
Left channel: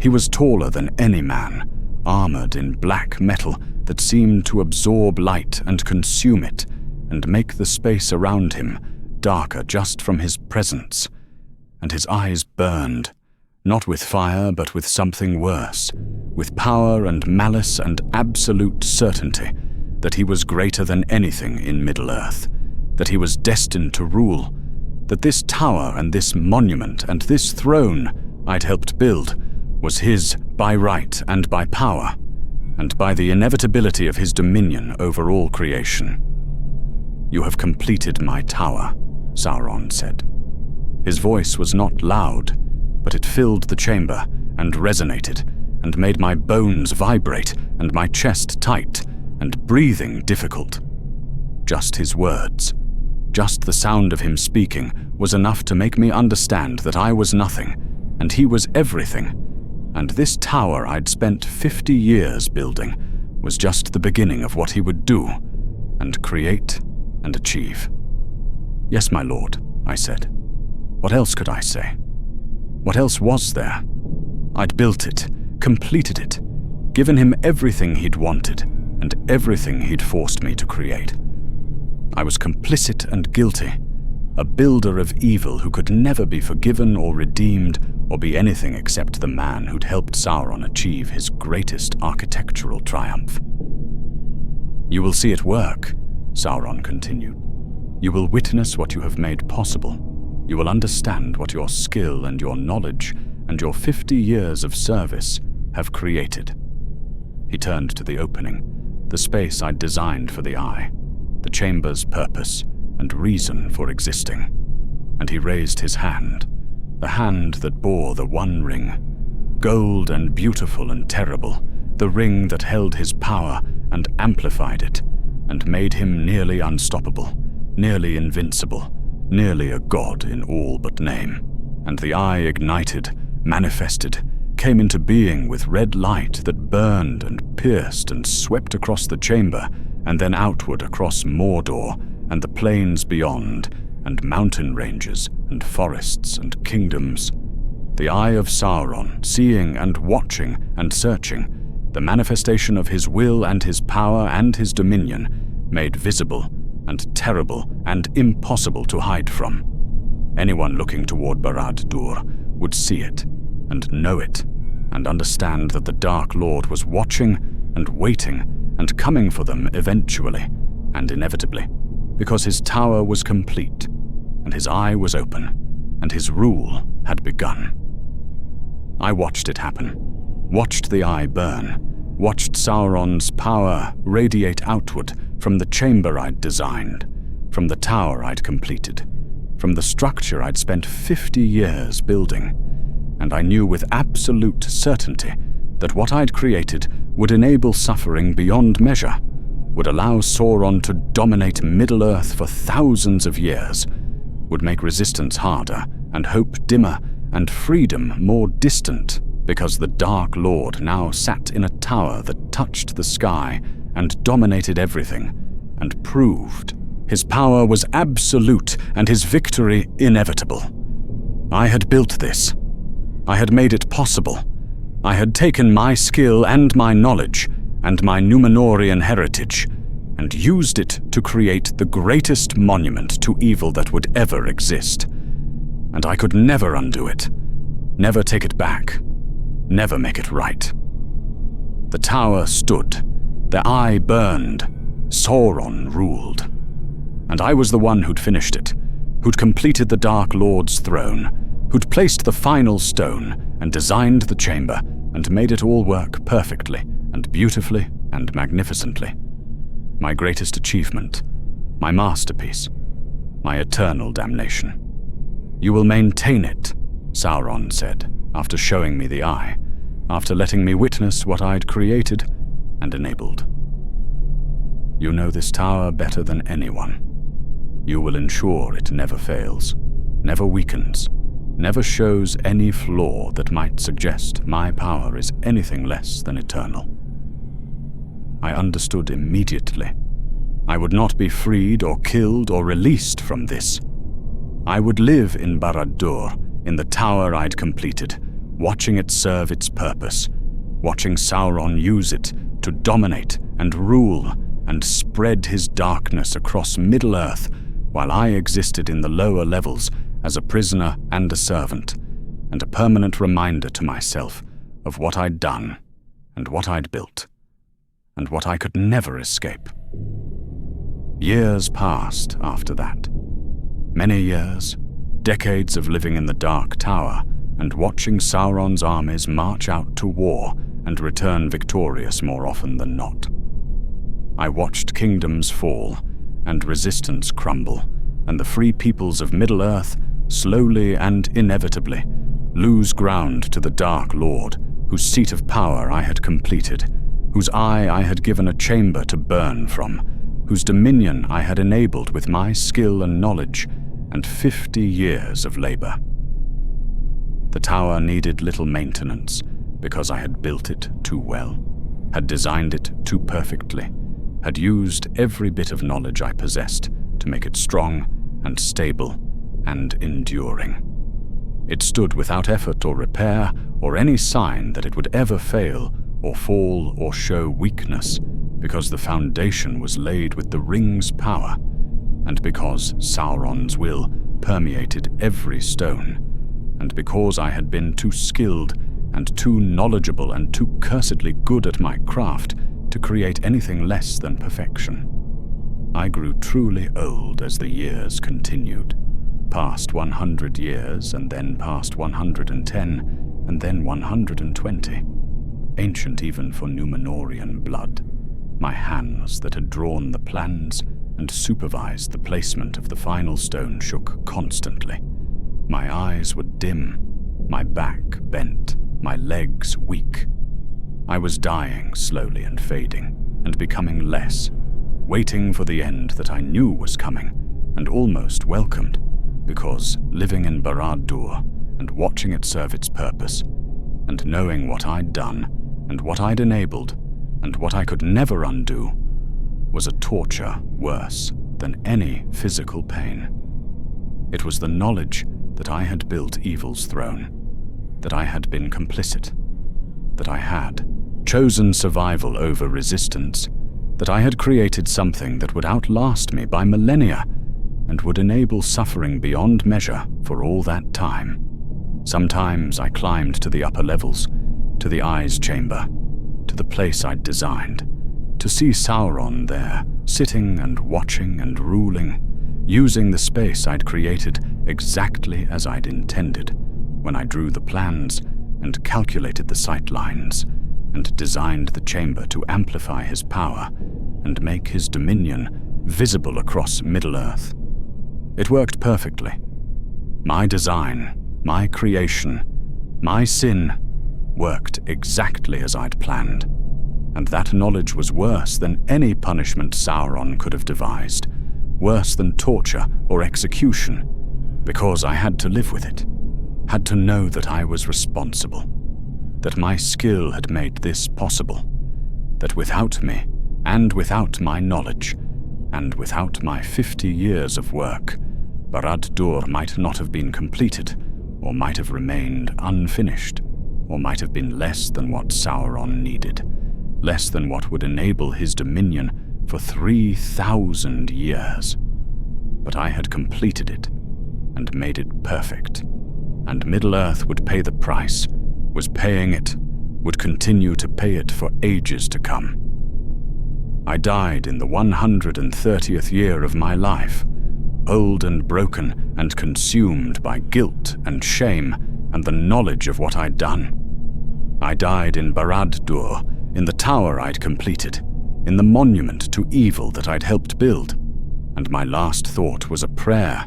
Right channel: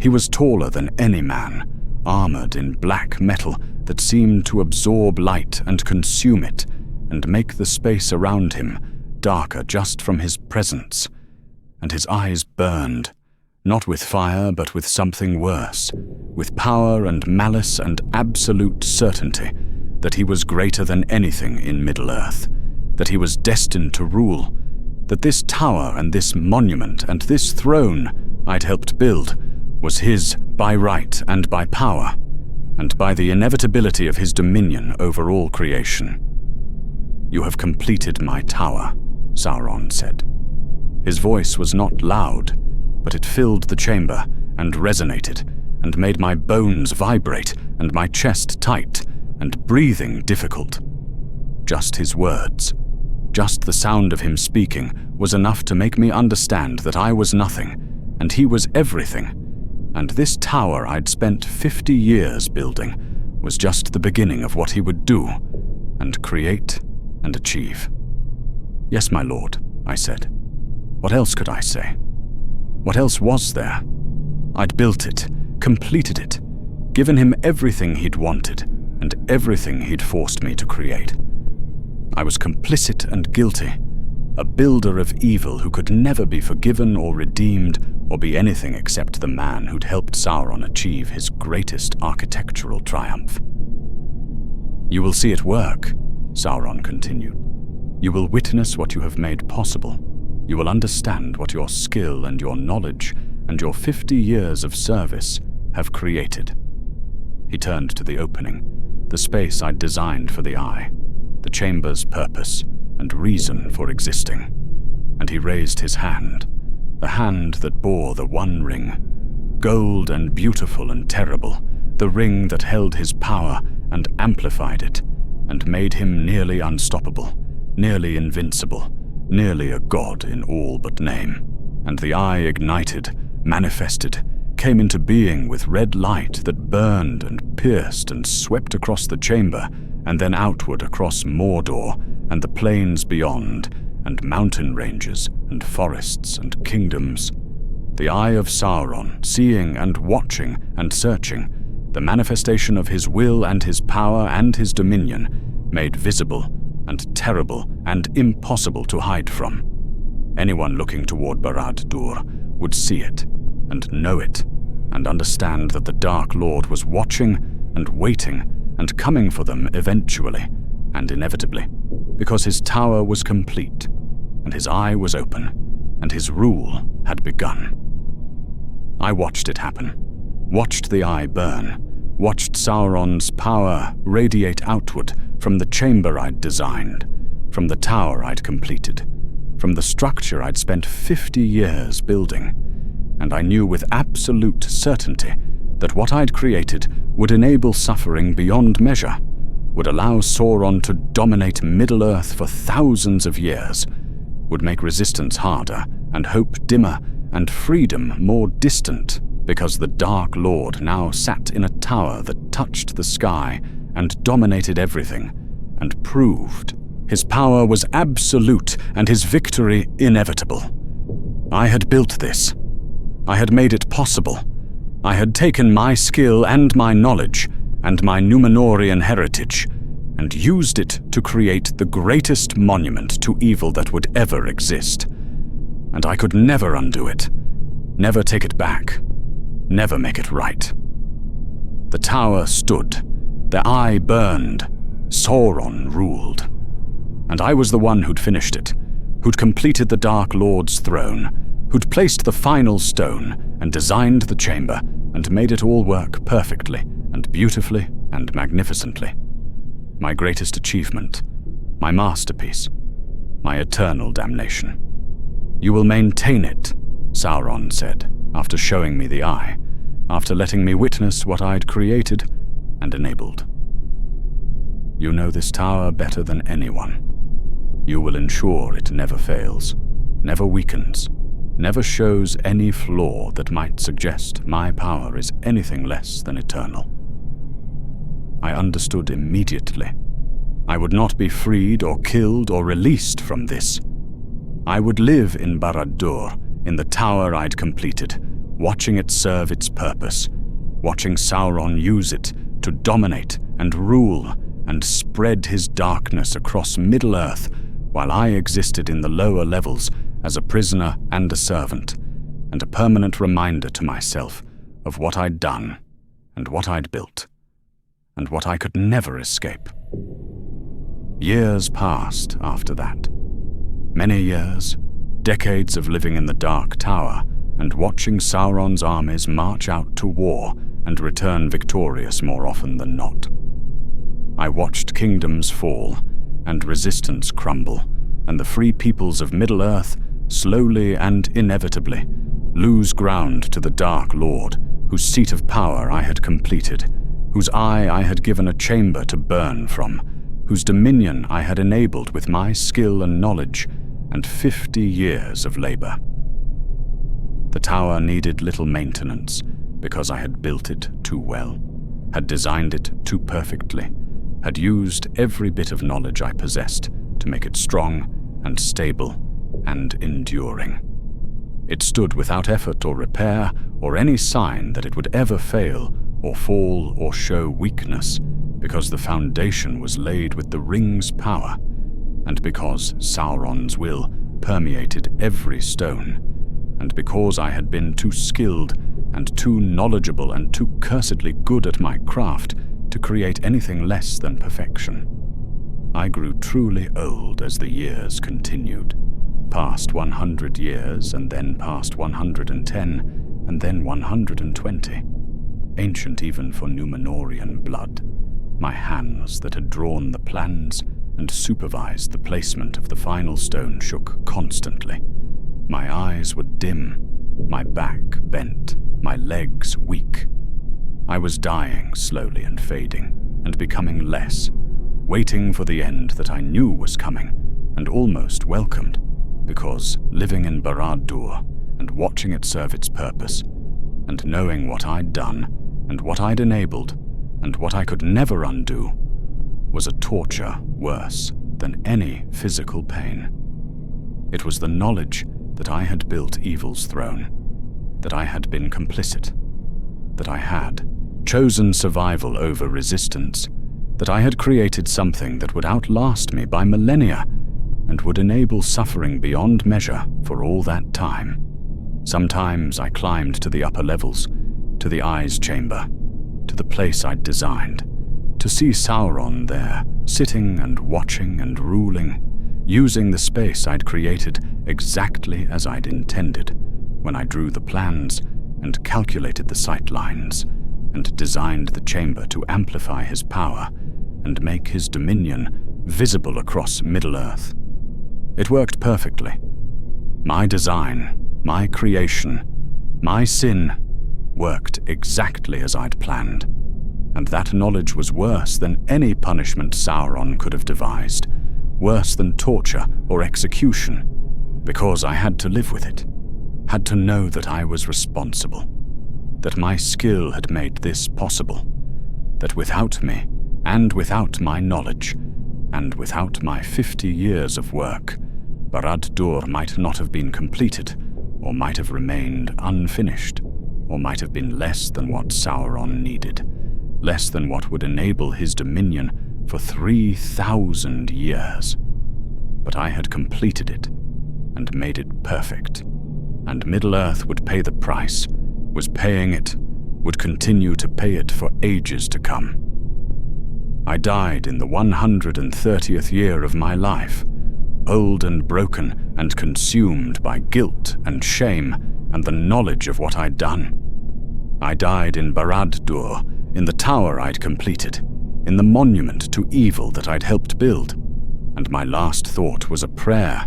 He was taller than any man, armored in black metal that seemed to absorb light and consume it and make the space around him darker just from his presence. And his eyes burned, not with fire but with something worse, with power and malice and absolute certainty that he was greater than anything in Middle-earth, that he was destined to rule, that this tower and this monument and this throne I'd helped build was his by right and by power, and by the inevitability of his dominion over all creation. "You have completed my tower," Sauron said. His voice was not loud, but it filled the chamber and resonated and made my bones vibrate and my chest tight and breathing difficult. Just his words, just the sound of him speaking was enough to make me understand that I was nothing and he was everything, and this tower I'd spent 50 years building was just the beginning of what he would do and create and achieve. "Yes, my lord," I said. What else could I say? What else was there? I'd built it, completed it, given him everything he'd wanted and everything he'd forced me to create. I was complicit and guilty, a builder of evil who could never be forgiven or redeemed or be anything except the man who'd helped Sauron achieve his greatest architectural triumph. "You will see it work," Sauron continued. "You will witness what you have made possible. You will understand what your skill and your knowledge and your 50 years of service have created." He turned to the opening, the space I'd designed for the eye, the chamber's purpose and reason for existing, and he raised his hand, the hand that bore the One Ring, gold and beautiful and terrible, the ring that held his power and amplified it, and made him nearly unstoppable, nearly invincible, nearly a god in all but name. And the eye ignited, manifested, came into being with red light that burned and pierced and swept across the chamber and then outward across Mordor and the plains beyond and mountain ranges and forests and kingdoms. The eye of Sauron, seeing and watching and searching, the manifestation of his will and his power and his dominion, made visible and terrible and impossible to hide from. Anyone looking toward Barad-dûr would see it and know it and understand that the Dark Lord was watching and waiting and coming for them eventually and inevitably, because his tower was complete and his eye was open and his rule had begun. I watched it happen, watched the eye burn, watched Sauron's power radiate outward from the chamber I'd designed, from the tower I'd completed, from the structure I'd spent 50 years building, and I knew with absolute certainty that what I'd created would enable suffering beyond measure, would allow Sauron to dominate Middle-earth for thousands of years, would make resistance harder and hope dimmer and freedom more distant, because the Dark Lord now sat in a tower that touched the sky and dominated everything, and proved his power was absolute and his victory inevitable. I had built this. I had made it possible. I had taken my skill and my knowledge and my Númenórean heritage and used it to create the greatest monument to evil that would ever exist. And I could never undo it, never take it back, never make it right. The tower stood, the eye burned, Sauron ruled. And I was the one who'd finished it, who'd completed the Dark Lord's throne, who'd placed the final stone and designed the chamber and made it all work perfectly and beautifully and magnificently. My greatest achievement, my masterpiece, my eternal damnation. "You will maintain it," Sauron said, after showing me the eye, after letting me witness what I'd created and enabled. "You know this tower better than anyone. You will ensure it never fails, never weakens, never shows any flaw that might suggest my power is anything less than eternal. I understood immediately. I would not be freed or killed or released from this. I would live in Barad-dûr, in the tower I'd completed, watching it serve its purpose, watching Sauron use it to dominate and rule and spread his darkness across Middle-earth, while I existed in the lower levels as a prisoner and a servant, and a permanent reminder to myself of what I'd done and what I'd built, and what I could never escape. Years passed after that. Many years, decades of living in the Dark Tower and watching Sauron's armies march out to war and return victorious more often than not. I watched kingdoms fall and resistance crumble, and the free peoples of Middle-earth slowly and inevitably lose ground to the Dark Lord, whose seat of power I had completed, whose eye I had given a chamber to burn from, whose dominion I had enabled with my skill and knowledge and 50 years of labor. The tower needed little maintenance because I had built it too well, had designed it too perfectly, had used every bit of knowledge I possessed to make it strong and stable and enduring. It stood without effort or repair or any sign that it would ever fail or fall or show weakness, because the foundation was laid with the ring's power, and because Sauron's will permeated every stone, and because I had been too skilled and too knowledgeable and too cursedly good at my craft to create anything less than perfection. I grew truly old as the years continued, past 100 years, and then past 110, and then 120. Ancient even for Númenórean blood, my hands that had drawn the plans and supervised the placement of the final stone shook constantly. My eyes were dim, my back bent, my legs weak. I was dying slowly and fading, and becoming less, waiting for the end that I knew was coming, and almost welcomed, because living in Barad-dûr and watching it serve its purpose, and knowing what I'd done, and what I'd enabled, and what I could never undo, was a torture worse than any physical pain. It was the knowledge that I had built evil's throne, that I had been complicit, that I had chosen survival over resistance, that I had created something that would outlast me by millennia and would enable suffering beyond measure for all that time. Sometimes I climbed to the upper levels, to the Eye's chamber, to the place I'd designed, to see Sauron there, sitting and watching and ruling, using the space I'd created exactly as I'd intended when I drew the plans and calculated the sight lines and designed the chamber to amplify his power and make his dominion visible across Middle-earth. It worked perfectly. My design, my creation, my sin worked exactly as I'd planned, and that knowledge was worse than any punishment Sauron could have devised, worse than torture or execution, because I had to live with it, had to know that I was responsible, that my skill had made this possible, that without me, and without my knowledge, and without my 50 years of work, Barad-dûr might not have been completed, or might have remained unfinished, or might have been less than what Sauron needed, less than what would enable his dominion for 3,000 years. But I had completed it, and made it perfect, and Middle-earth would pay the price, was paying it, would continue to pay it for ages to come. I died in the 130th year of my life, old and broken and consumed by guilt and shame and the knowledge of what I'd done. I died in Barad-dûr, in the tower I'd completed, in the monument to evil that I'd helped build, and my last thought was a prayer,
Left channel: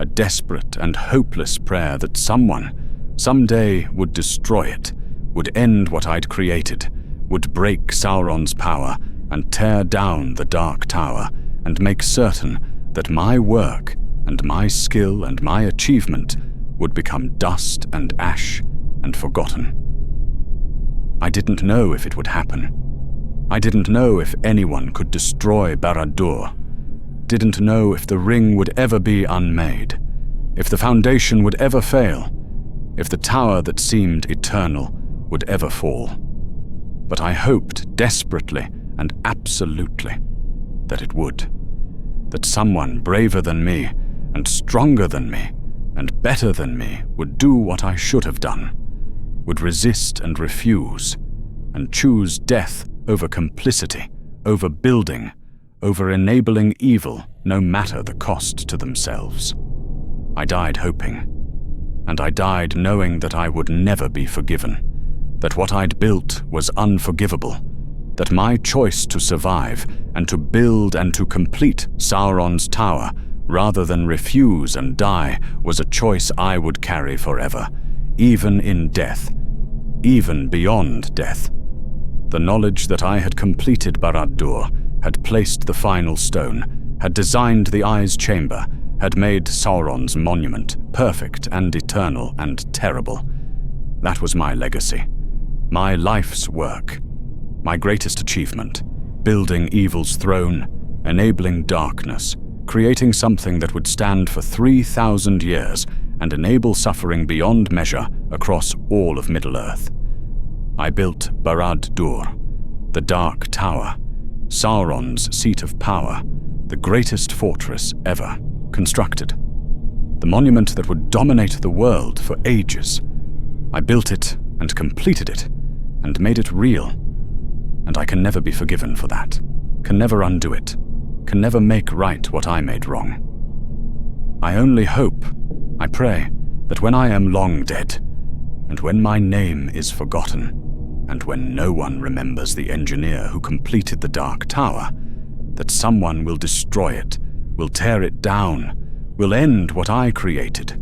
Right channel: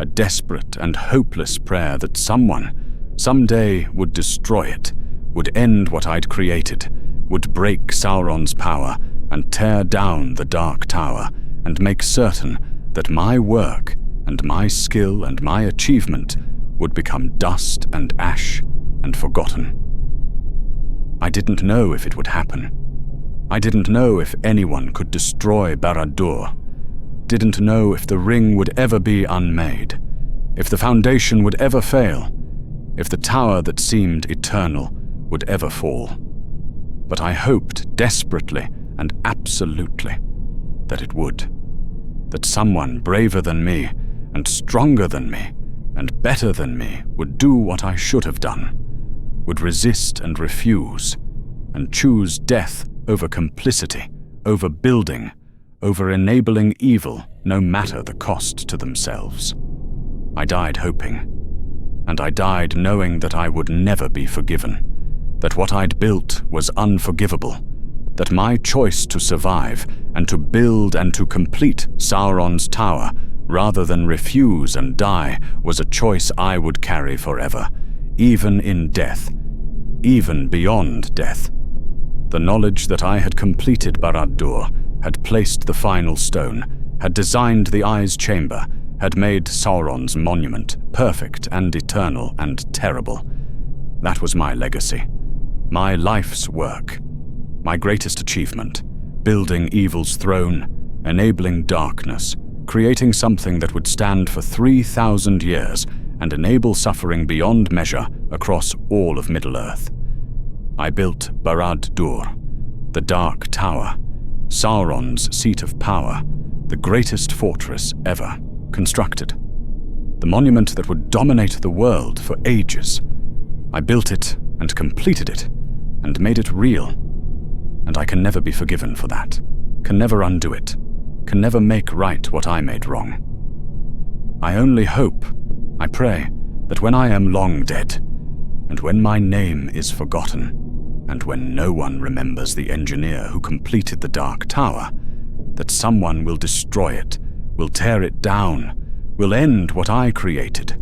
a desperate and hopeless prayer that someone, someday, would destroy it, would end what I'd created, would break Sauron's power and tear down the Dark Tower and make certain that my work and my skill and my achievement would become dust and ash and forgotten. I didn't know if it would happen. I didn't know if anyone could destroy Barad-dûr. Didn't know if the ring would ever be unmade, if the foundation would ever fail, if the tower that seemed eternal would ever fall. But I hoped desperately and absolutely that it would. That someone braver than me, and stronger than me, and better than me would do what I should have done, would resist and refuse, and choose death over complicity, over building, over enabling evil, no matter the cost to themselves. I died hoping, and I died knowing that I would never be forgiven, that what I'd built was unforgivable, that my choice to survive and to build and to complete Sauron's tower rather than refuse and die was a choice I would carry forever, even in death, even beyond death. The knowledge that I had completed Barad-dûr, had placed the final stone, had designed the Eye's chamber, had made Sauron's monument perfect and eternal and terrible. That was my legacy, my life's work, my greatest achievement, building evil's throne, enabling darkness, creating something that would stand for 3,000 years and enable suffering beyond measure across all of Middle-earth. I built Barad-dûr, the Dark Tower, Sauron's seat of power, the greatest fortress ever constructed, the monument that would dominate the world for ages. I built it and completed it and made it real, and I can never be forgiven for that, can never undo it, can never make right what I made wrong. I only hope, I pray, that when I am long dead, and when my name is forgotten, and when no one remembers the engineer who completed the Dark Tower, that someone will destroy it, will tear it down, will end what I created,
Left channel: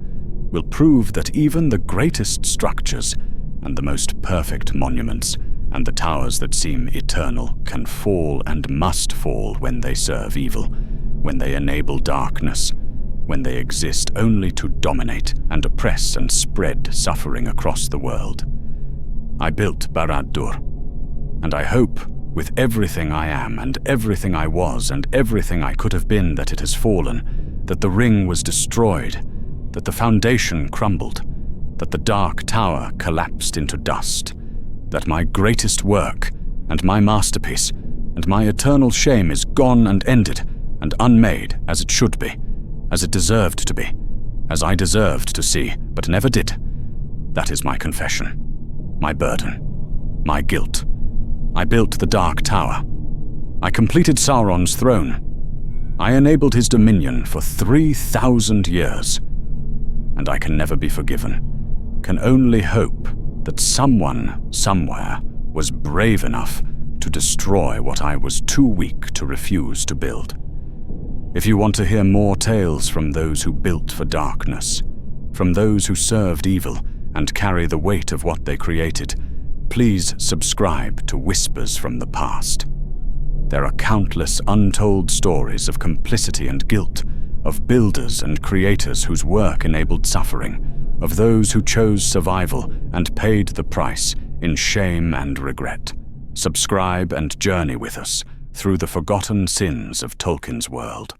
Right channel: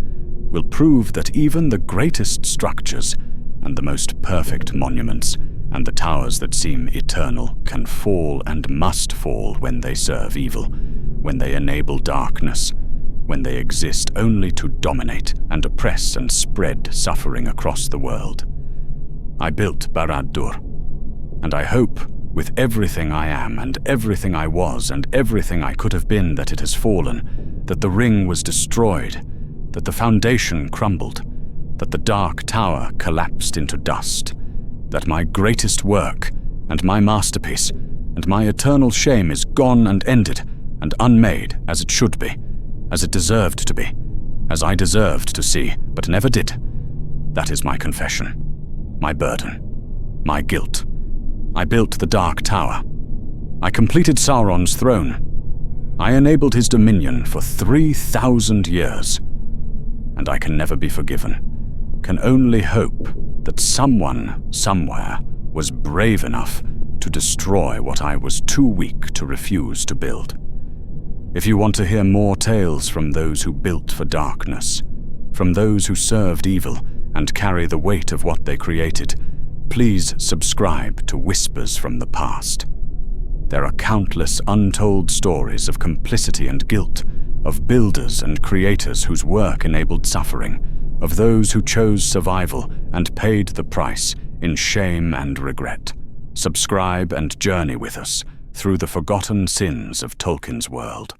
will prove that even the greatest structures and the most perfect monuments and the towers that seem eternal can fall and must fall when they serve evil, when they enable darkness, when they exist only to dominate and oppress and spread suffering across the world. I built Barad-dûr, and I hope, with everything I am and everything I was and everything I could have been, that it has fallen, that the ring was destroyed, that the foundation crumbled, that the Dark Tower collapsed into dust, that my greatest work and my masterpiece and my eternal shame is gone and ended and unmade as it should be, as it deserved to be, as I deserved to see but never did. That is my confession, my burden, my guilt. I built the Dark Tower. I completed Sauron's throne. I enabled his dominion for 3,000 years. And I can never be forgiven, can only hope that someone, somewhere, was brave enough to destroy what I was too weak to refuse to build. If you want to hear more tales from those who built for darkness, from those who served evil and carry the weight of what they created, please subscribe to Whispers from the Past. There are countless untold stories of complicity and guilt, of builders and creators whose work enabled suffering, of those who chose survival and paid the price in shame and regret. Subscribe and journey with us through the forgotten sins of Tolkien's world.